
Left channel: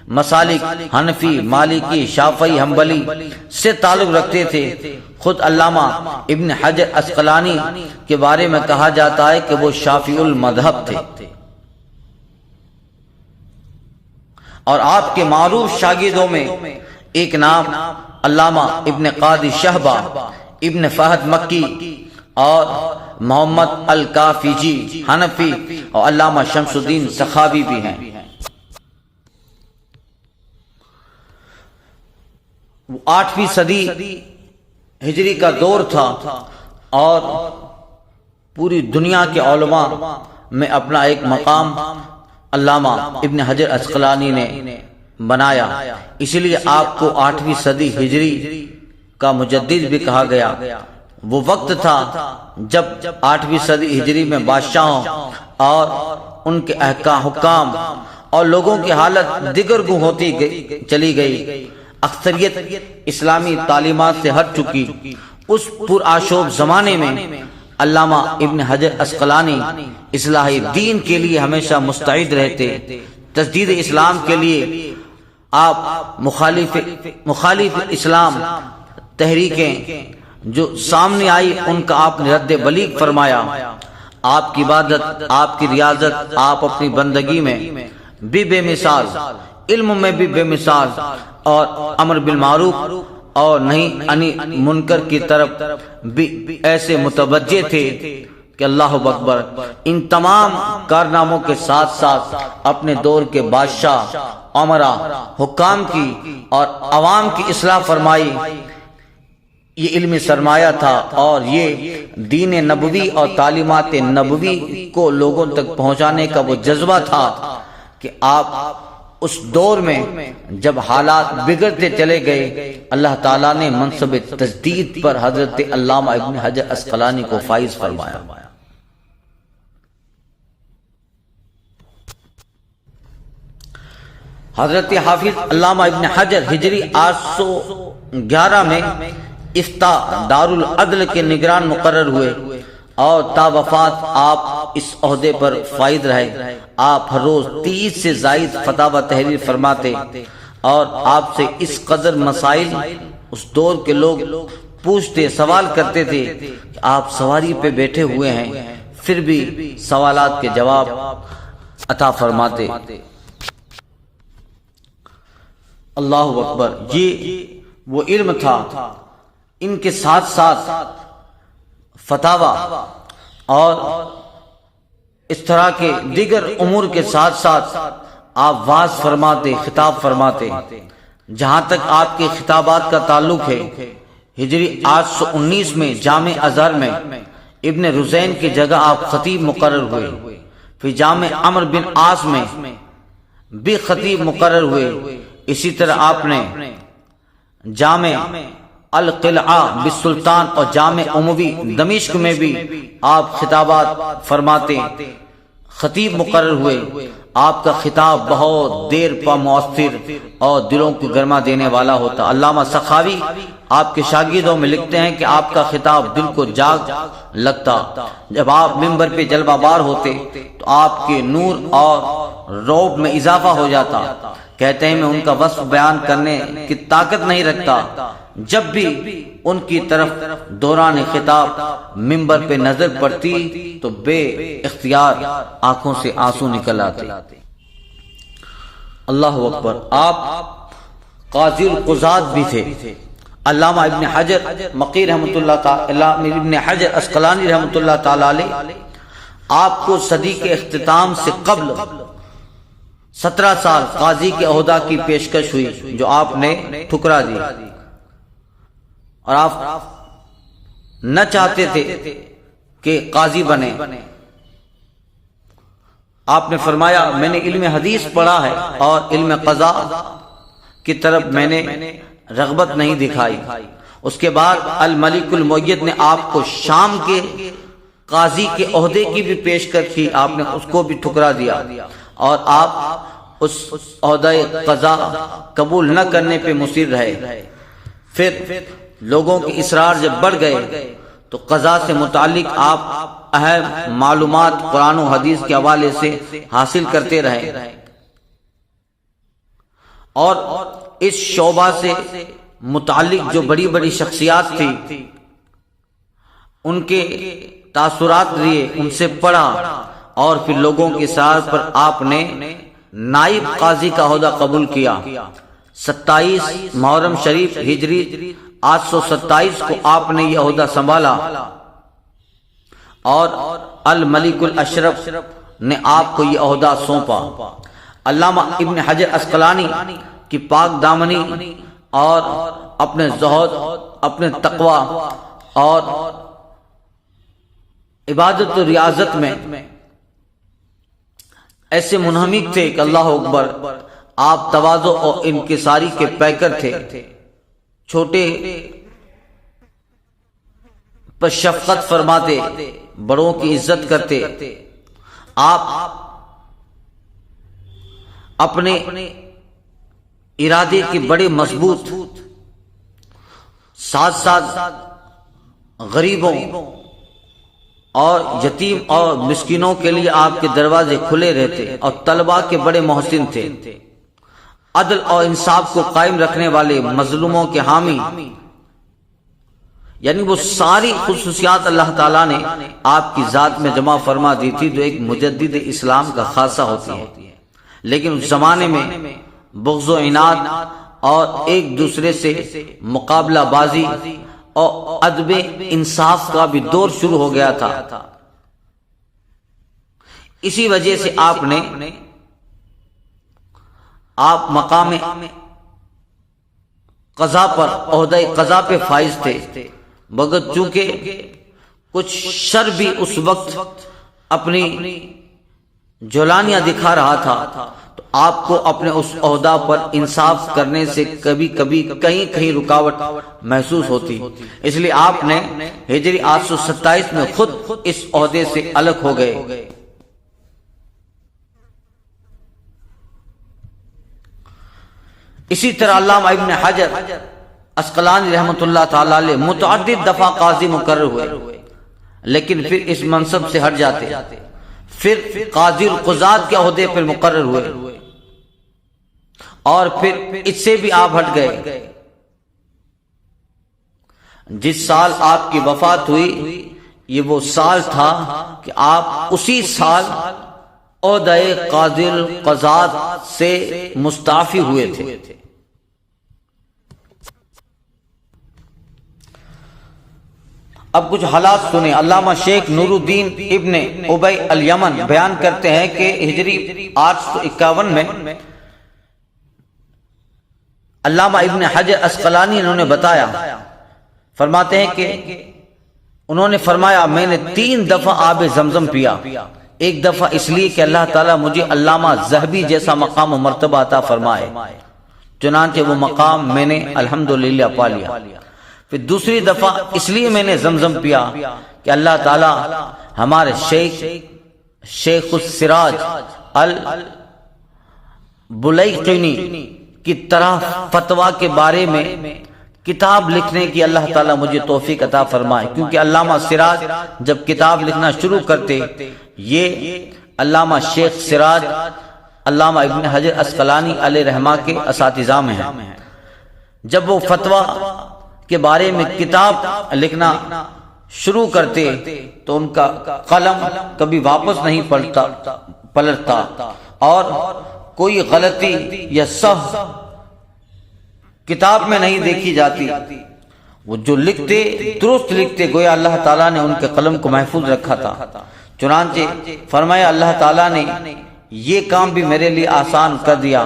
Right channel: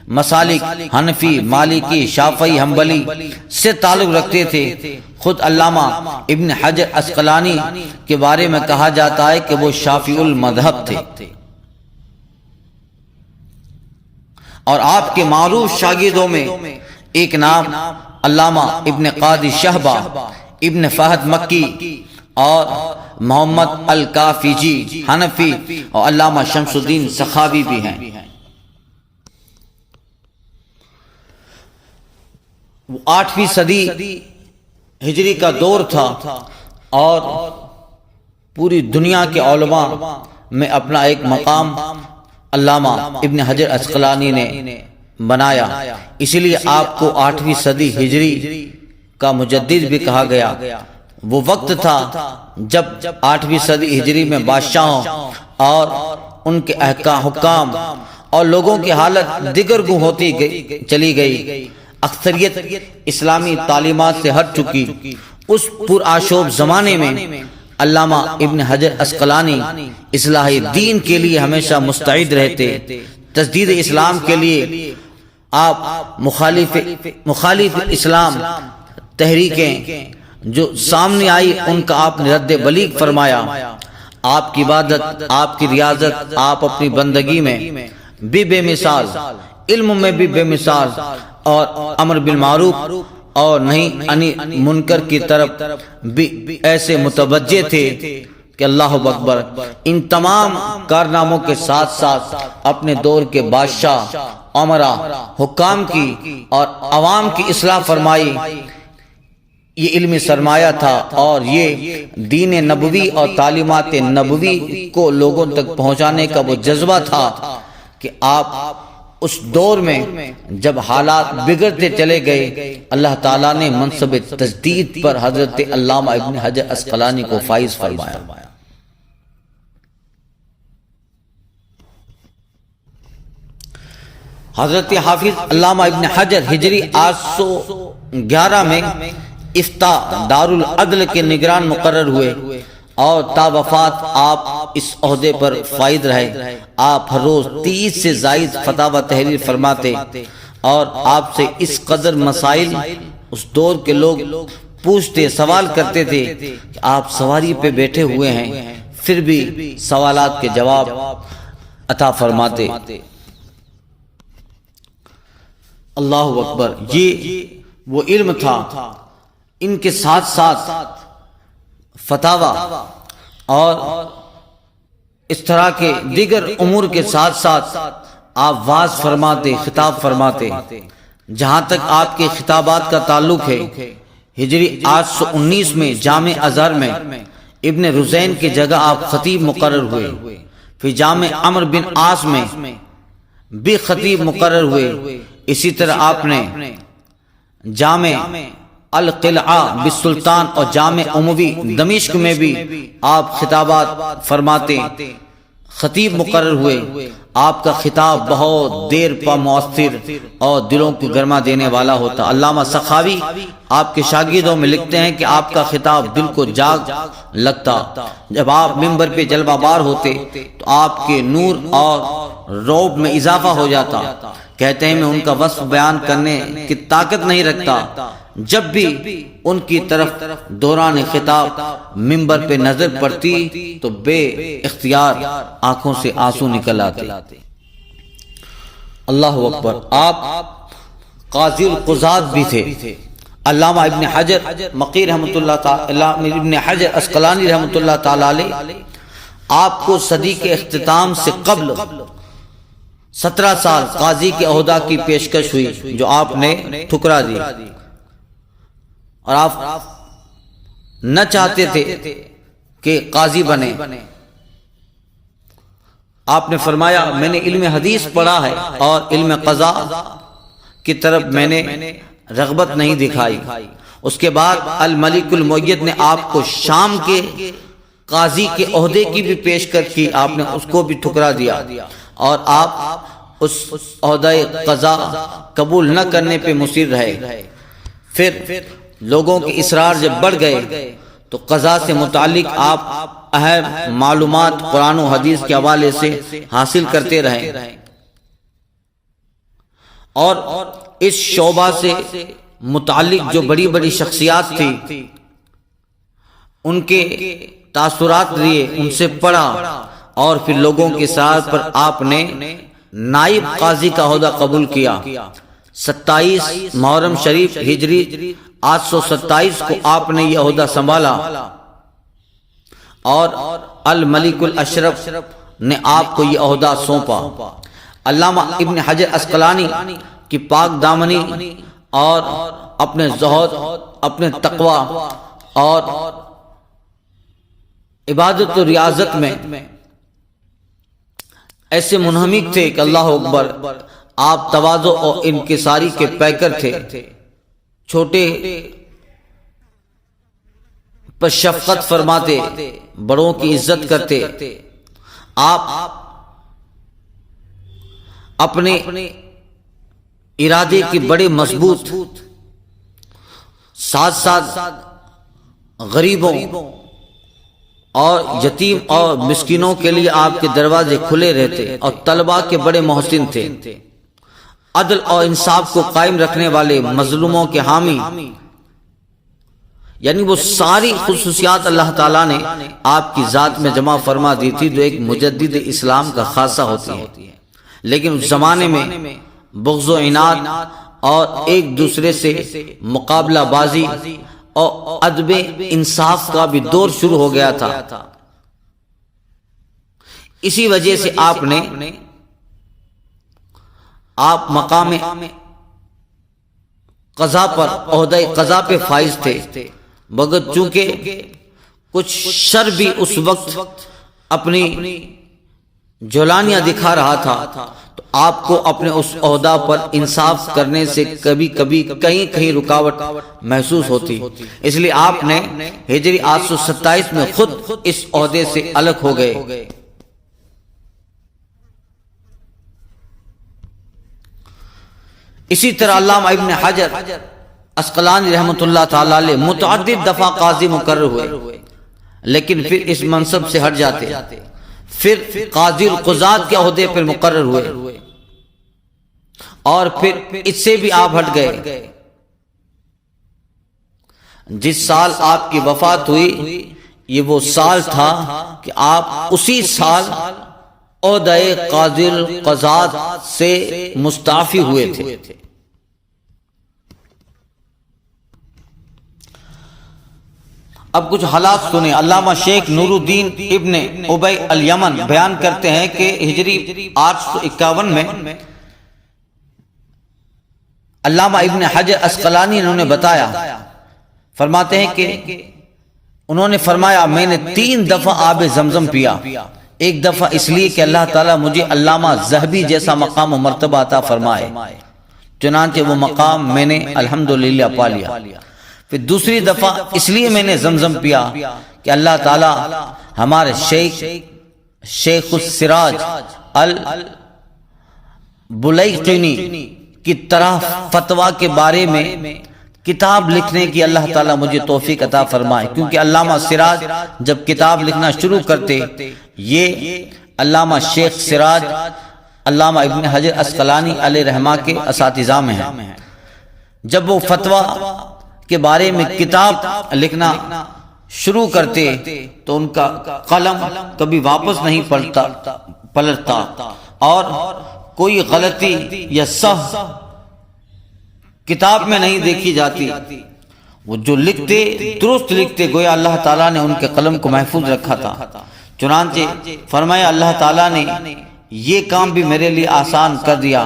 مسالک حنفی، مالکی، شافعی، حنبلی سے تعلق رکھتے تھے۔ خود علامہ ابن حجر عسقلانی کے بارے میں کہا جاتا ہے کہ وہ شافعی المذہب تھے، اور آپ کے معروف شاگردوں میں ایک نام علامہ ابن قاضی شہبہ، ابن فہد مکی اور محمد الکافیجی حنفی اور علامہ شمس الدین سخاوی بھی ہیں۔ وہ 8ویں صدی ہجری کا دور تھا اور پوری دنیا کے علماء میں اپنا ایک مقام علامہ ابن حجر عسقلانی نے بنایا، اسی لیے آپ کو 8ویں صدی ہجری کا مجدد بھی کہا گیا۔ وہ وقت تھا جب 8ویں صدی ہجری میں بادشاہوں اور ان کے حکام اور لوگوں کی حالت دیگرگوں ہوتی چلی گئی۔ اکثریت اسلامی تعلیمات سے ہٹ چکی۔ اس پرآشوب زمانے میں علامہ ابن حجر عسقلانی اصلاح دین کے لیے ہمیشہ مستعد رہتے۔ تجدید اسلام کے لیے آپ مخالف اسلام تحریکیں جو سامنے آئی ان کا آپ نے رد بلیغ فرمایا۔ آپ کی عبادت، آپ کی ریاضت، آپ اپنی بندگی میں بھی بے مثال، علم میں بھی بے مثال، اور امر بالمعروف اور نہیں عنی منکر کی طرف بھی ایسے متوجہ تھے کہ اللہ اکبر۔ ان تمام کارناموں کے ساتھ ساتھ اپنے دور کے بادشاہ، امراء، حکام کی اور عوام کی اصلاح فرمائی۔ یہ علمی سرمایہ تھا اور یہ دین نبوی اور تعلیمات نبوی کو لوگوں تک پہنچانے کا وہ جذبہ تھا کہ آپ اس دور میں جب حالات بگڑتے چلے گئے، اللہ تعالیٰ نے منصب تجدید پر حضرت علامہ ابن حجر عسقلانی کو فائز فرمایا۔ حضرت حافظ علامہ ابن حجر ہجری 811 میں افتاء دارالعدل کے نگران مقرر ہوئے اور تا وفات آپ اس عہدے پر فائز رہے۔ آپ ہر روز 30 سے زائد فتاوی تحریر فرماتے اور آپ سے اس قدر مسائل اس دور کے لوگ پوچھتے، سوال کرتے تھے کہ آپ سواری پہ بیٹھے ہوئے ہیں پھر بھی سوالات کے جواب عطا فرماتے۔ اللہ اکبر، یہ وہ علم تھا۔ ان کے ساتھ ساتھ فتاوی اور اس طرح کے دیگر امور کے ساتھ ساتھ آپ واعظ فرماتے، خطاب فرماتے۔ جہاں تک آپ کے خطابات کا تعلق ہے، ہجری 819 میں جامع ازہر میں ابن رزین کی جگہ آپ خطیب مقرر ہوئے۔ پھر جامع عمرو بن عاص میں بھی خطیب مقرر ہوئے۔ اسی طرح آپ نے جامع القلعہ بالسلطان اور جامع اموی دمشق میں بھی آپ خطابات فرماتے، خطیب مقرر ہوئے۔ آپ کا خطاب بہت دیر پا مؤثر اور دلوں کو گرما دینے والا ہوتا۔ علامہ سخاوی آپ کے شاگردوں میں لکھتے ہیں کہ آپ کا خطاب دل کو جاگ لگتا۔ جب آپ منبر پہ جلوہ بار ہوتے تو آپ کے نور اور رعب میں اضافہ ہو جاتا۔ کہتے ہیں میں ان کا وصف بیان کرنے کی طاقت نہیں رکھتا۔ جب بھی ان کی طرف دوران خطاب منبر پہ نظر پڑتی تو بے اختیار آنکھوں سے آنسو نکل آتے۔ اللہ اکبر، آپ قاضی القضات بھی تھے۔ علامہ ابن حجر مقی رحمۃ اللہ تعالی، ابن حجر عسقلانی رحمۃ اللہ تعالی علیہ، آپ کو صدی کے اختتام سے قبل 17 سال قاضی کے عہدہ کی پیشکش ہوئی جو آپ نے ٹھکرا دی، اور آپ نہ چاہتے تھے کہ قاضی بنے۔ آپ نے فرمایا میں نے علم حدیث پڑھا ہے اور علم قضاء کی طرف میں نے رغبت نہیں دکھائی۔ اس کے بعد الملک المؤید نے آپ کو شام کے قاضی کے عہدے کی بھی پیشکش کی، آپ نے اس کو بھی ٹھکرا دیا اور آپ اس عہدہ قضاء قبول نہ کرنے پہ مصر رہے۔ پھر لوگوں کے اصرار جب بڑھ گئے تو قضاء سے متعلق آپ اہم معلومات قرآن و حدیث کے حوالے سے حاصل کرتے رہے۔ اور اس شعبہ سے متعلق جو بڑی بڑی شخصیات تھی ان کے تاثرات لیے، ان سے پڑھا، اور پھر لوگوں کے ساتھ پر آپ نے نائب قاضی کا عہدہ قبول کیا۔ 27 محرم شریف ہجری 827 کو آپ نے یہ عہدہ سنبھالا، اور الملک الاشرف نے آپ کو یہ عہدہ سونپا۔ علامہ ابن حجر عسقلانی کی پاک دامنی اور اپنے زہد، اپنے تقوی اور عبادت و ریاضت میں ایسے منہمک تھے کہ اللہ اکبر، آپ تواضع اور انکساری کے پیکر تھے، چھوٹے پر شفقت فرماتے، بڑوں کی عزت کرتے۔ آپ اپنے ارادے کے بڑے مضبوط، ساتھ ساتھ غریبوں اور یتیم اور مسکینوں کے لیے آپ کے دروازے کھلے رہتے، اور طلباء کے بڑے محسن تھے، عدل اور انصاف کو قائم رکھنے والے، مظلوموں کے حامی۔ یعنی وہ ساری خصوصیات اللہ تعالیٰ نے آپ کی ذات میں جمع فرما دی تھی جو ایک مجدد اسلام کا خاصہ ہوتی ہے۔ لیکن اس زمانے میں بغض و عناد اور ایک دوسرے سے مقابلہ بازی اور عدم انصاف کا بھی دور شروع ہو گیا تھا۔ اسی وجہ سے آپ مقام قضا پر، عہدہ قضا پہ فائز تھے، مگر چونکہ کچھ شر بھی اس وقت اپنی جولانیاں دکھا رہا تھا، تو آپ کو اپنے اس عہدہ پر انصاف کرنے سے کبھی کبھی کہیں رکاوٹ محسوس ہوتی، اس لیے آپ نے ہجری 827 میں خود اس عہدے سے الگ ہو گئے۔ اسی طرح علامہ ابن حجر عسقلانی رحمۃ اللہ تعالی علیہ متعدد دفعہ قاضی مقرر ہوئے، لیکن پھر اس منصب سے ہٹ جاتے، پھر قاضی القضات کے عہدے پر مقرر ہوئے، اور پھر اس سے بھی آپ ہٹ گئے۔ جس سال آپ کی وفات ہوئی یہ وہ سال تھا کہ آپ اسی سال عہدہ قاضی القضات سے مستعفی ہوئے تھے۔ اب کچھ حالات سنیں۔ علامہ شیخ نور الدین ابن ابی الیمن بیان کرتے ہیں کہ ہجری 851 میں علامہ ابن حجر عسقلانی انہوں نے بتایا، فرماتے ہیں کہ انہوں نے فرمایا میں نے 3 دفعہ آب زمزم پیا، ایک دفعہ اس لیے کہ اللہ تعالیٰ مجھے علامہ ذہبی جیسا مقام و مرتبہ عطا فرمائے، چنانچہ وہ مقام میں نے الحمدللہ پا لیا۔ پھر دوسری دفعہ اس لیے میں نے زمزم پیا کہ اللہ تعالیٰ ہمارے شیخ السراج البلیقینی کی طرح فتویٰ کے بارے میں کتاب لکھنے کی اللہ تعالیٰ مجھے توفیق عطا فرمائے، کیونکہ علامہ سراج جب کتاب لکھنا شروع کرتے، یہ علامہ شیخ سراج علامہ ابن حجر عسقلانی علیہ رحمہ کے اساتذہ میں ہیں۔ جب وہ فتویٰ کے بارے میں کتاب لکھنا شروع کرتے تو ان کا قلم کبھی واپس نہیں پلٹتا، اور کوئی غلطی یا سہو کتاب میں نہیں دیکھی جاتی۔ وہ جو لکھتے درست لکھتے، گویا اللہ تعالیٰ نے ان کے قلم کو محفوظ رکھا تھا۔ چنانچہ فرمایا اللہ تعالیٰ نے یہ کام بھی میرے لیے آسان کر دیا،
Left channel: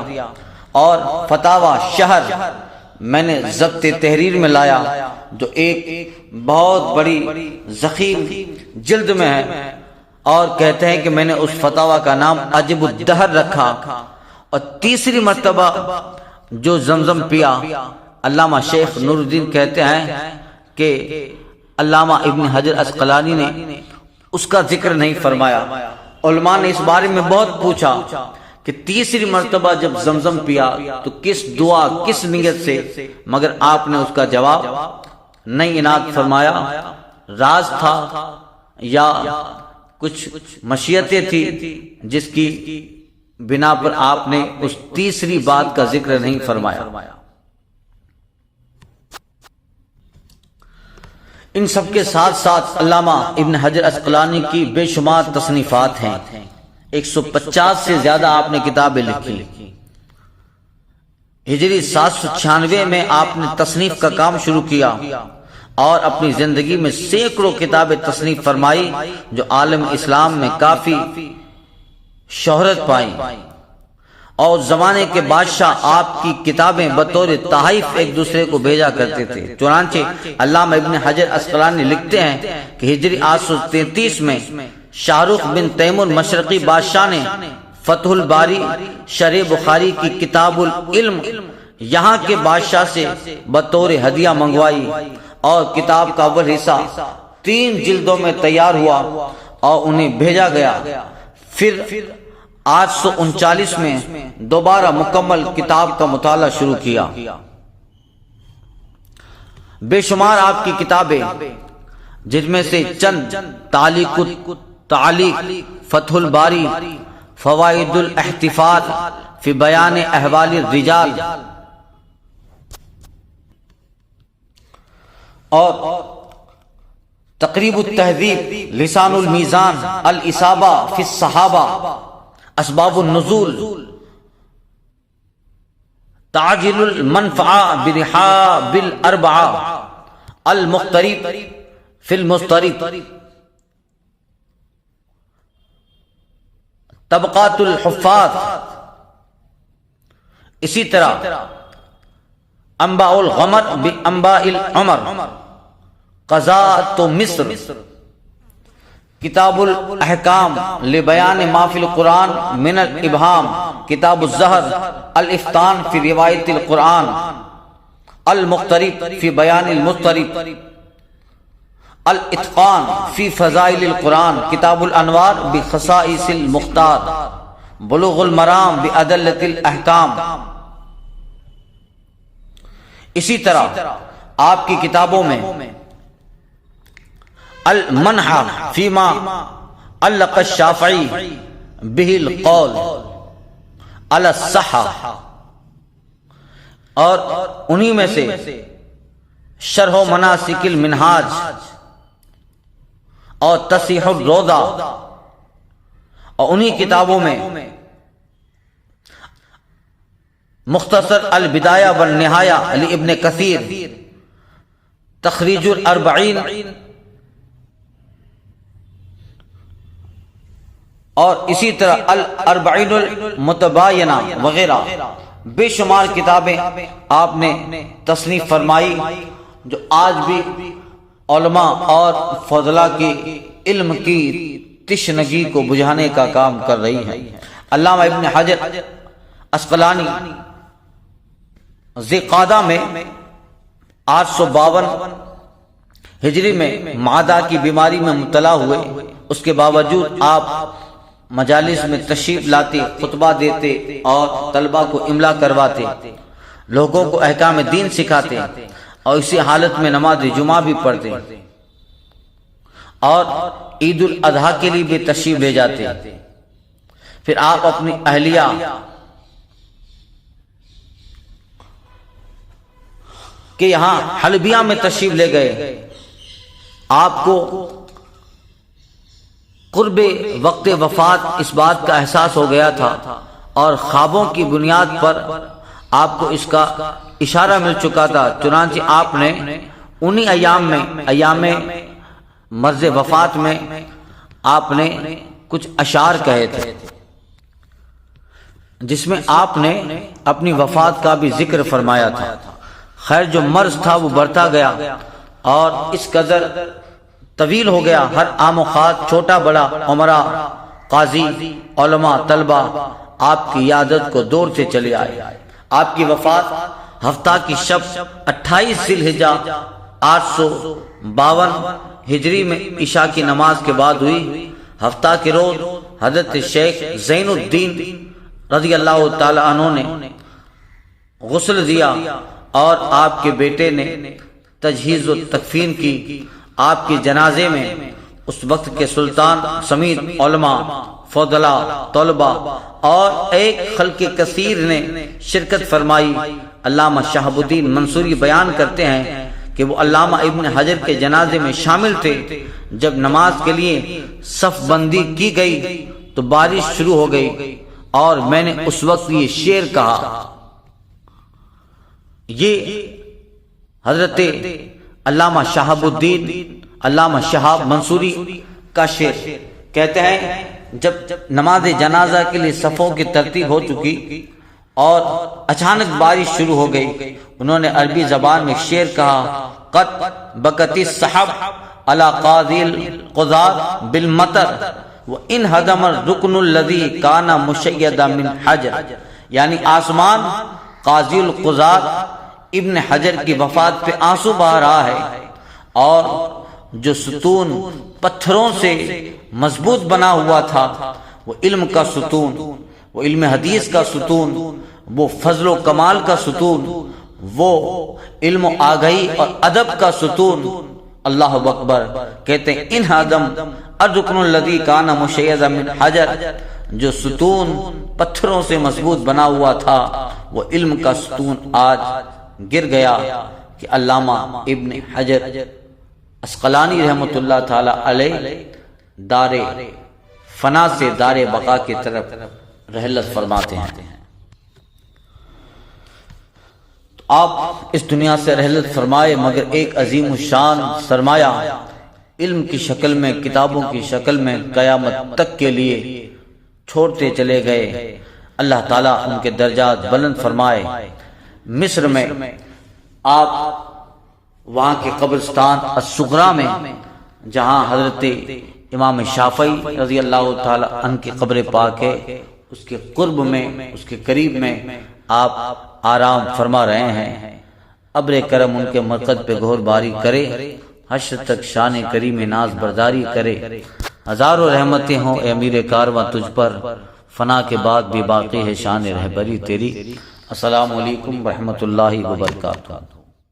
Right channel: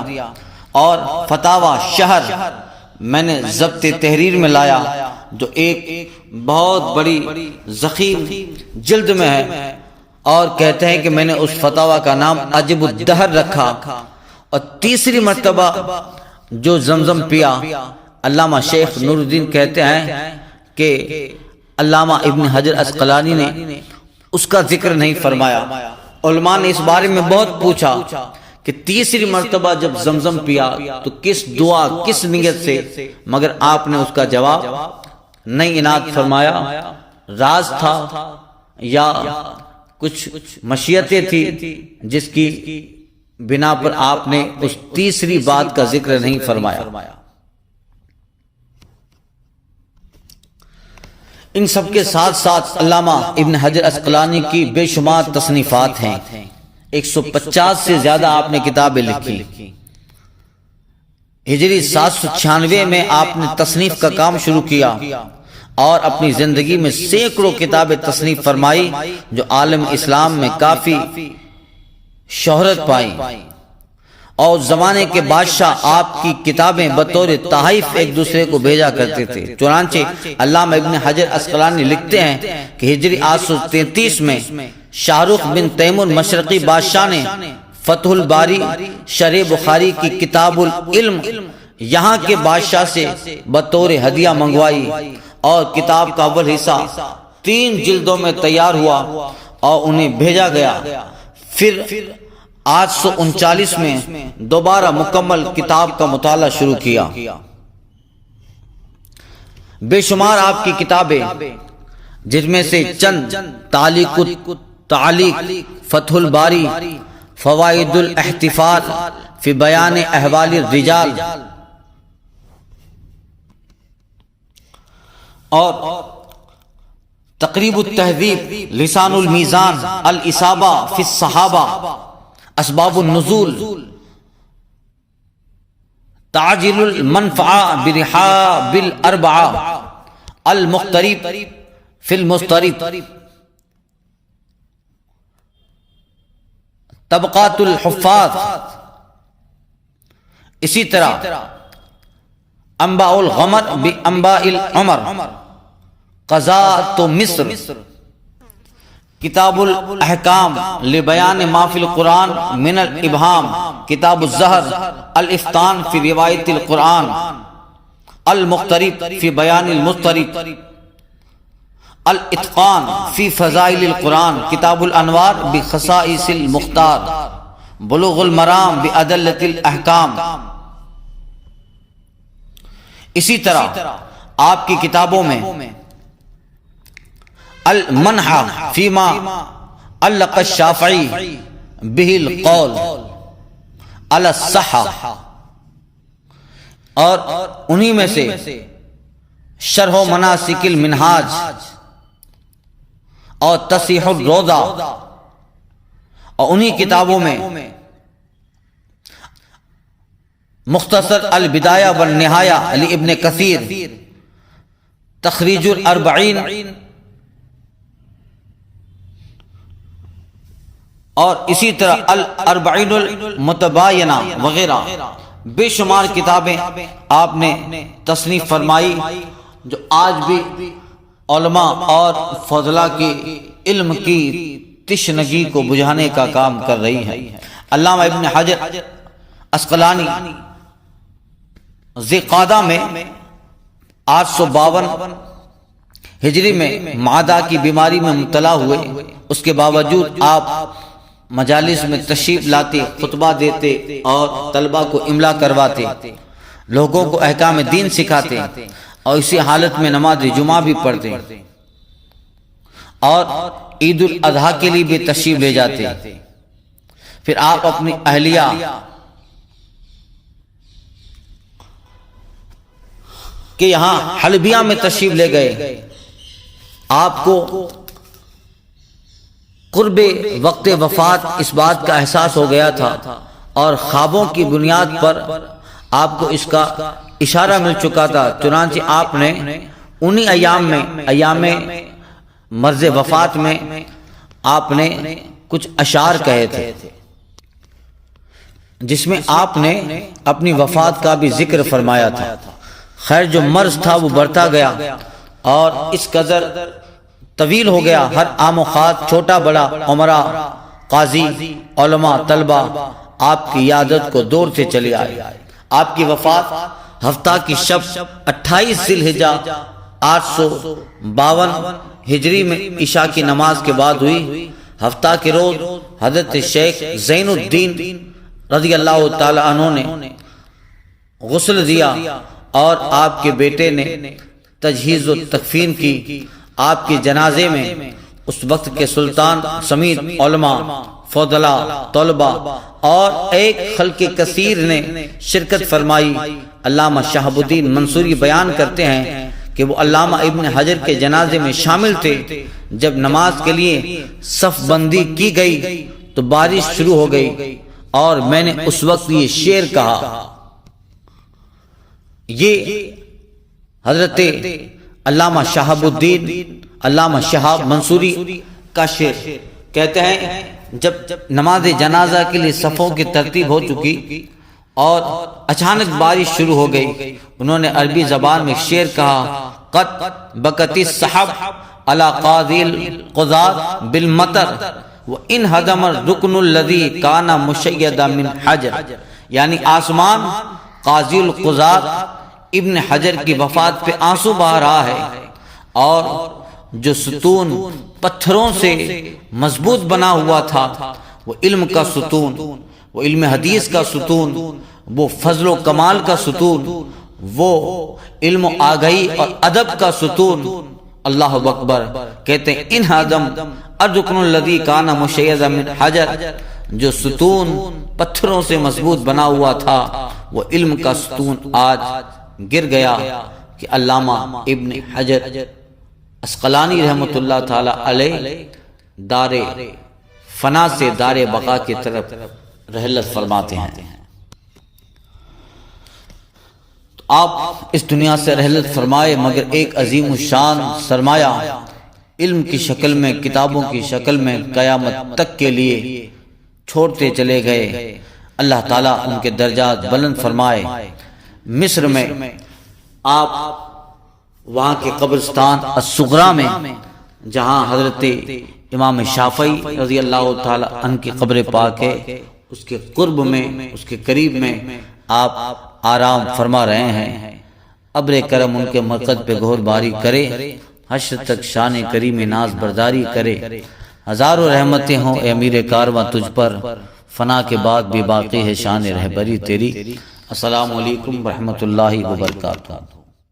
اور فتاوی شہر میں نے ضبط تحریر میں لایا، جو ایک بہت بڑی ضخیم جلد میں ہے، اور کہتے ہیں کہ میں نے اس فتاوی کا نام عجب الدہر رکھا۔ اور تیسری مرتبہ جو زمزم پیا، علامہ شیخ نور الدین کہتے ہیں کہ علامہ ابن حجر عسقلانی نے اس کا ذکر نہیں فرمایا۔ علماء نے اس بارے میں بہت پوچھا کہ تیسری مرتبہ جب زمزم پیا تو کس دعا کس نیت سے، مگر آپ نے اس کا جواب نہیں عنایت فرمایا۔ راز تھا یا کچھ مشیتیں تھی جس کی بنا پر آپ نے اس تیسری بات کا ذکر نہیں فرمایا۔ ان سب کے ساتھ ساتھ علامہ ابن حجر اسقلانی کی بے شمار تصنیفات ہیں، 150 سے زیادہ آپ نے کتابیں لکھی۔ ہجری 796 میں آپ نے تصنیف کا کام شروع کیا اور اپنی زندگی میں سینکڑوں کتابیں تصنیف فرمائی جو عالم اسلام میں کافی شہرت پائیں، اور زمانے کے بادشاہ آپ کی کتابیں بطور تحائف ایک دوسرے کو بھیجا کرتے تھے۔ چنانچہ علامہ ابن حجر اسقلانی لکھتے ہیں کہ ہجری 833 میں شاہ رخ بن تیمور مشرقی بادشاہ نے فتح الباری شرح بخاری کی کتاب العلم یہاں کے بادشاہ سے بطور ہدیہ منگوائی، اور کتاب کا اول حصہ 3 جلدوں میں تیار ہوا اور انہیں بھیجا گیا۔ پھر 839 میں دوبارہ مکمل کتاب کا مطالعہ شروع کیا۔ بے شمار آپ کی کتابیں، جس میں سے چند تعلیق فتح الباری، فوائد الاحتفال فی بیان احوال الرجال، اور تقریب التہذیب، لسان المیزان، الاصابہ فی الصحابہ، اسباب النزول، تعجیل المنفعہ برحاب الاربعہ، المقترب فی المضطرب، طبقات الحفاظ، اسی طرح انباء الغمر بانباء العمر، قضاء مصر، کتاب الاحکام لبیان ما فی القرآن من الابہام، کتاب الزہر، الافتان فی روایت القرآن، المقترب فی بیان المضطرب، الاتقان فی فضائل القرآن، کتاب الانوار بخصائص المختار، بلوغ المرام بأدلة الاحکام۔ اسی طرح آپ کی کتابوں میں المنحہ فیما علق الشافعی بہ القول علی الصحہ، اور انہی میں سے شرح و مناسک المنہاج اور تصحیح الروضہ، اور انہی کتابوں میں مختصر البدایہ والنہایہ لابن کثیر، تخریج الاربعین، اور اسی طرح الاربعین المتباینہ وغیرہ بے شمار کتابیں آپ نے تصنیف فرمائی جو آج بھی علماء اور فضلاء کے علم کی تشنگی کو بجھانے کا کام کر رہی ہیں۔ علامہ ابن حجر اسقلانی ذی قعدہ میں 852 ہجری میں معدہ کی بیماری میں مبتلا ہوئے، اس کے باوجود آپ مجالس میں تشریف لاتے، خطبہ دیتے اور طلبہ کو املا کرواتے، لوگوں کو احکام دین سکھاتے، اور اسی حالت میں نماز جمعہ بھی پڑھتے، اور عید الاضحیٰ کے لیے بھی تشریف لے جاتے۔ پھر آپ اپنی اہلیہ کہ یہاں حلبیہ میں تشریف لے گئے۔ آپ کو قرب وقت وفات اس بات کا احساس ہو گیا تھا، اور خوابوں کی بنیاد پر آپ کو اس کا اشارہ مل چکا تھا۔ چنانچہ آپ نے انہی ایام مرض وفات میں آپ نے کچھ اشعار کہے تھے، جس میں آپ نے اپنی وفات کا بھی ذکر فرمایا تھا۔ خیر، جو مرض تھا وہ بڑھتا گیا اور اس قدر طویل ہو گیا، ہر عام و خاص، چھوٹا بڑا، عمرہ، قاضی، علماء، طلبہ آپ کی عیادت کو دور سے چلے آئے۔ آپ کی وفات ہفتہ کی شب 28 ذی الحجہ 852 ہجری میں عشاء کی نماز کے بعد ہوئی۔ ہفتہ کے روز حضرت شیخ زین الدین رضی اللہ تعالی عنہ نے غسل دیا اور آپ کے بیٹے نے تجہیز و تکفین کی۔ آپ کے جنازے میں اس وقت کے سلطان سمیت علماء، فضلا، طلبہ اور ایک خلق کثیر نے شرکت فرمائی۔ علامہ شہاب الدین منصوری بیان کرتے ہیں کہ وہ علامہ ابن حجر کے جنازے میں شامل تھے۔ جب نماز کے لیے صف بندی کی گئی تو بارش شروع ہو گئی اور میں نے اس وقت یہ شعر کہا۔ یہ حضرت علامہ شہاب الدین، علامہ شہاب منصوری کا شعر کہتے ہیں جب نماز جنازہ کے لیے صفوں کی ترتیب ہو چکی اور اچانک بارش شروع ہو گئی، انہوں نے عربی زبان میں شعر کہا، قد بکت السحب علی قاضی القضاة بالمطر وان ہدم الرکن الذی کان مشیدا من حجر، یعنی آسمان قاضی القضاة ابن حجر کی وفات پہ آنسو بہا رہا ہے، اور جو ستون پتھروں سے مضبوط بنا ہوا تھا، وہ علم کا ستون، وہ علم حدیث کا ستون، وہ فضل و کمال کا ستون، وہ علم و آگہی اور ادب کا ستون، اللہ اکبر، کہتے ہیں ان ہدم الرکن الذی کان مشیدا من حجر، جو ستون پتھروں سے مضبوط بنا ہوا تھا وہ علم کا ستون آج گر گیا۔ کہ علامہ ابن حجر اسقلانی رحمۃ اللہ تعالی علیہ دار فنا سے دار بقا کی طرف رحلت فرماتے ہیں۔ تو آپ اس دنیا سے رحلت فرمائے، مگر ایک عظیم الشان سرمایہ علم کی شکل میں، کتابوں کی شکل میں قیامت تک کے لیے چھوڑتے چلے گئے۔ اللہ تعالیٰ ان کے درجات بلند فرمائے۔ مصر میں آپ وہاں کے قبرستان الصغریٰ میں جہاں حضرت امام شافعی رضی اللہ تعالی عنہ کی قبر پاک ہے، اس کے قرب میں، اس کے قریب میں آپ آرام فرما رہے ہیں۔ ابر کرم ان کے مرقد پہ گہر باری کرے، حشر تک شان کریم ناز برداری کرے۔ ہزاروں رحمتیں ہوں اے امیر کارواں تجھ پر، فنا کے بعد بھی باقی ہے شان رہبری تیری۔ السلام علیکم ورحمۃ اللہ وبرکاتہ۔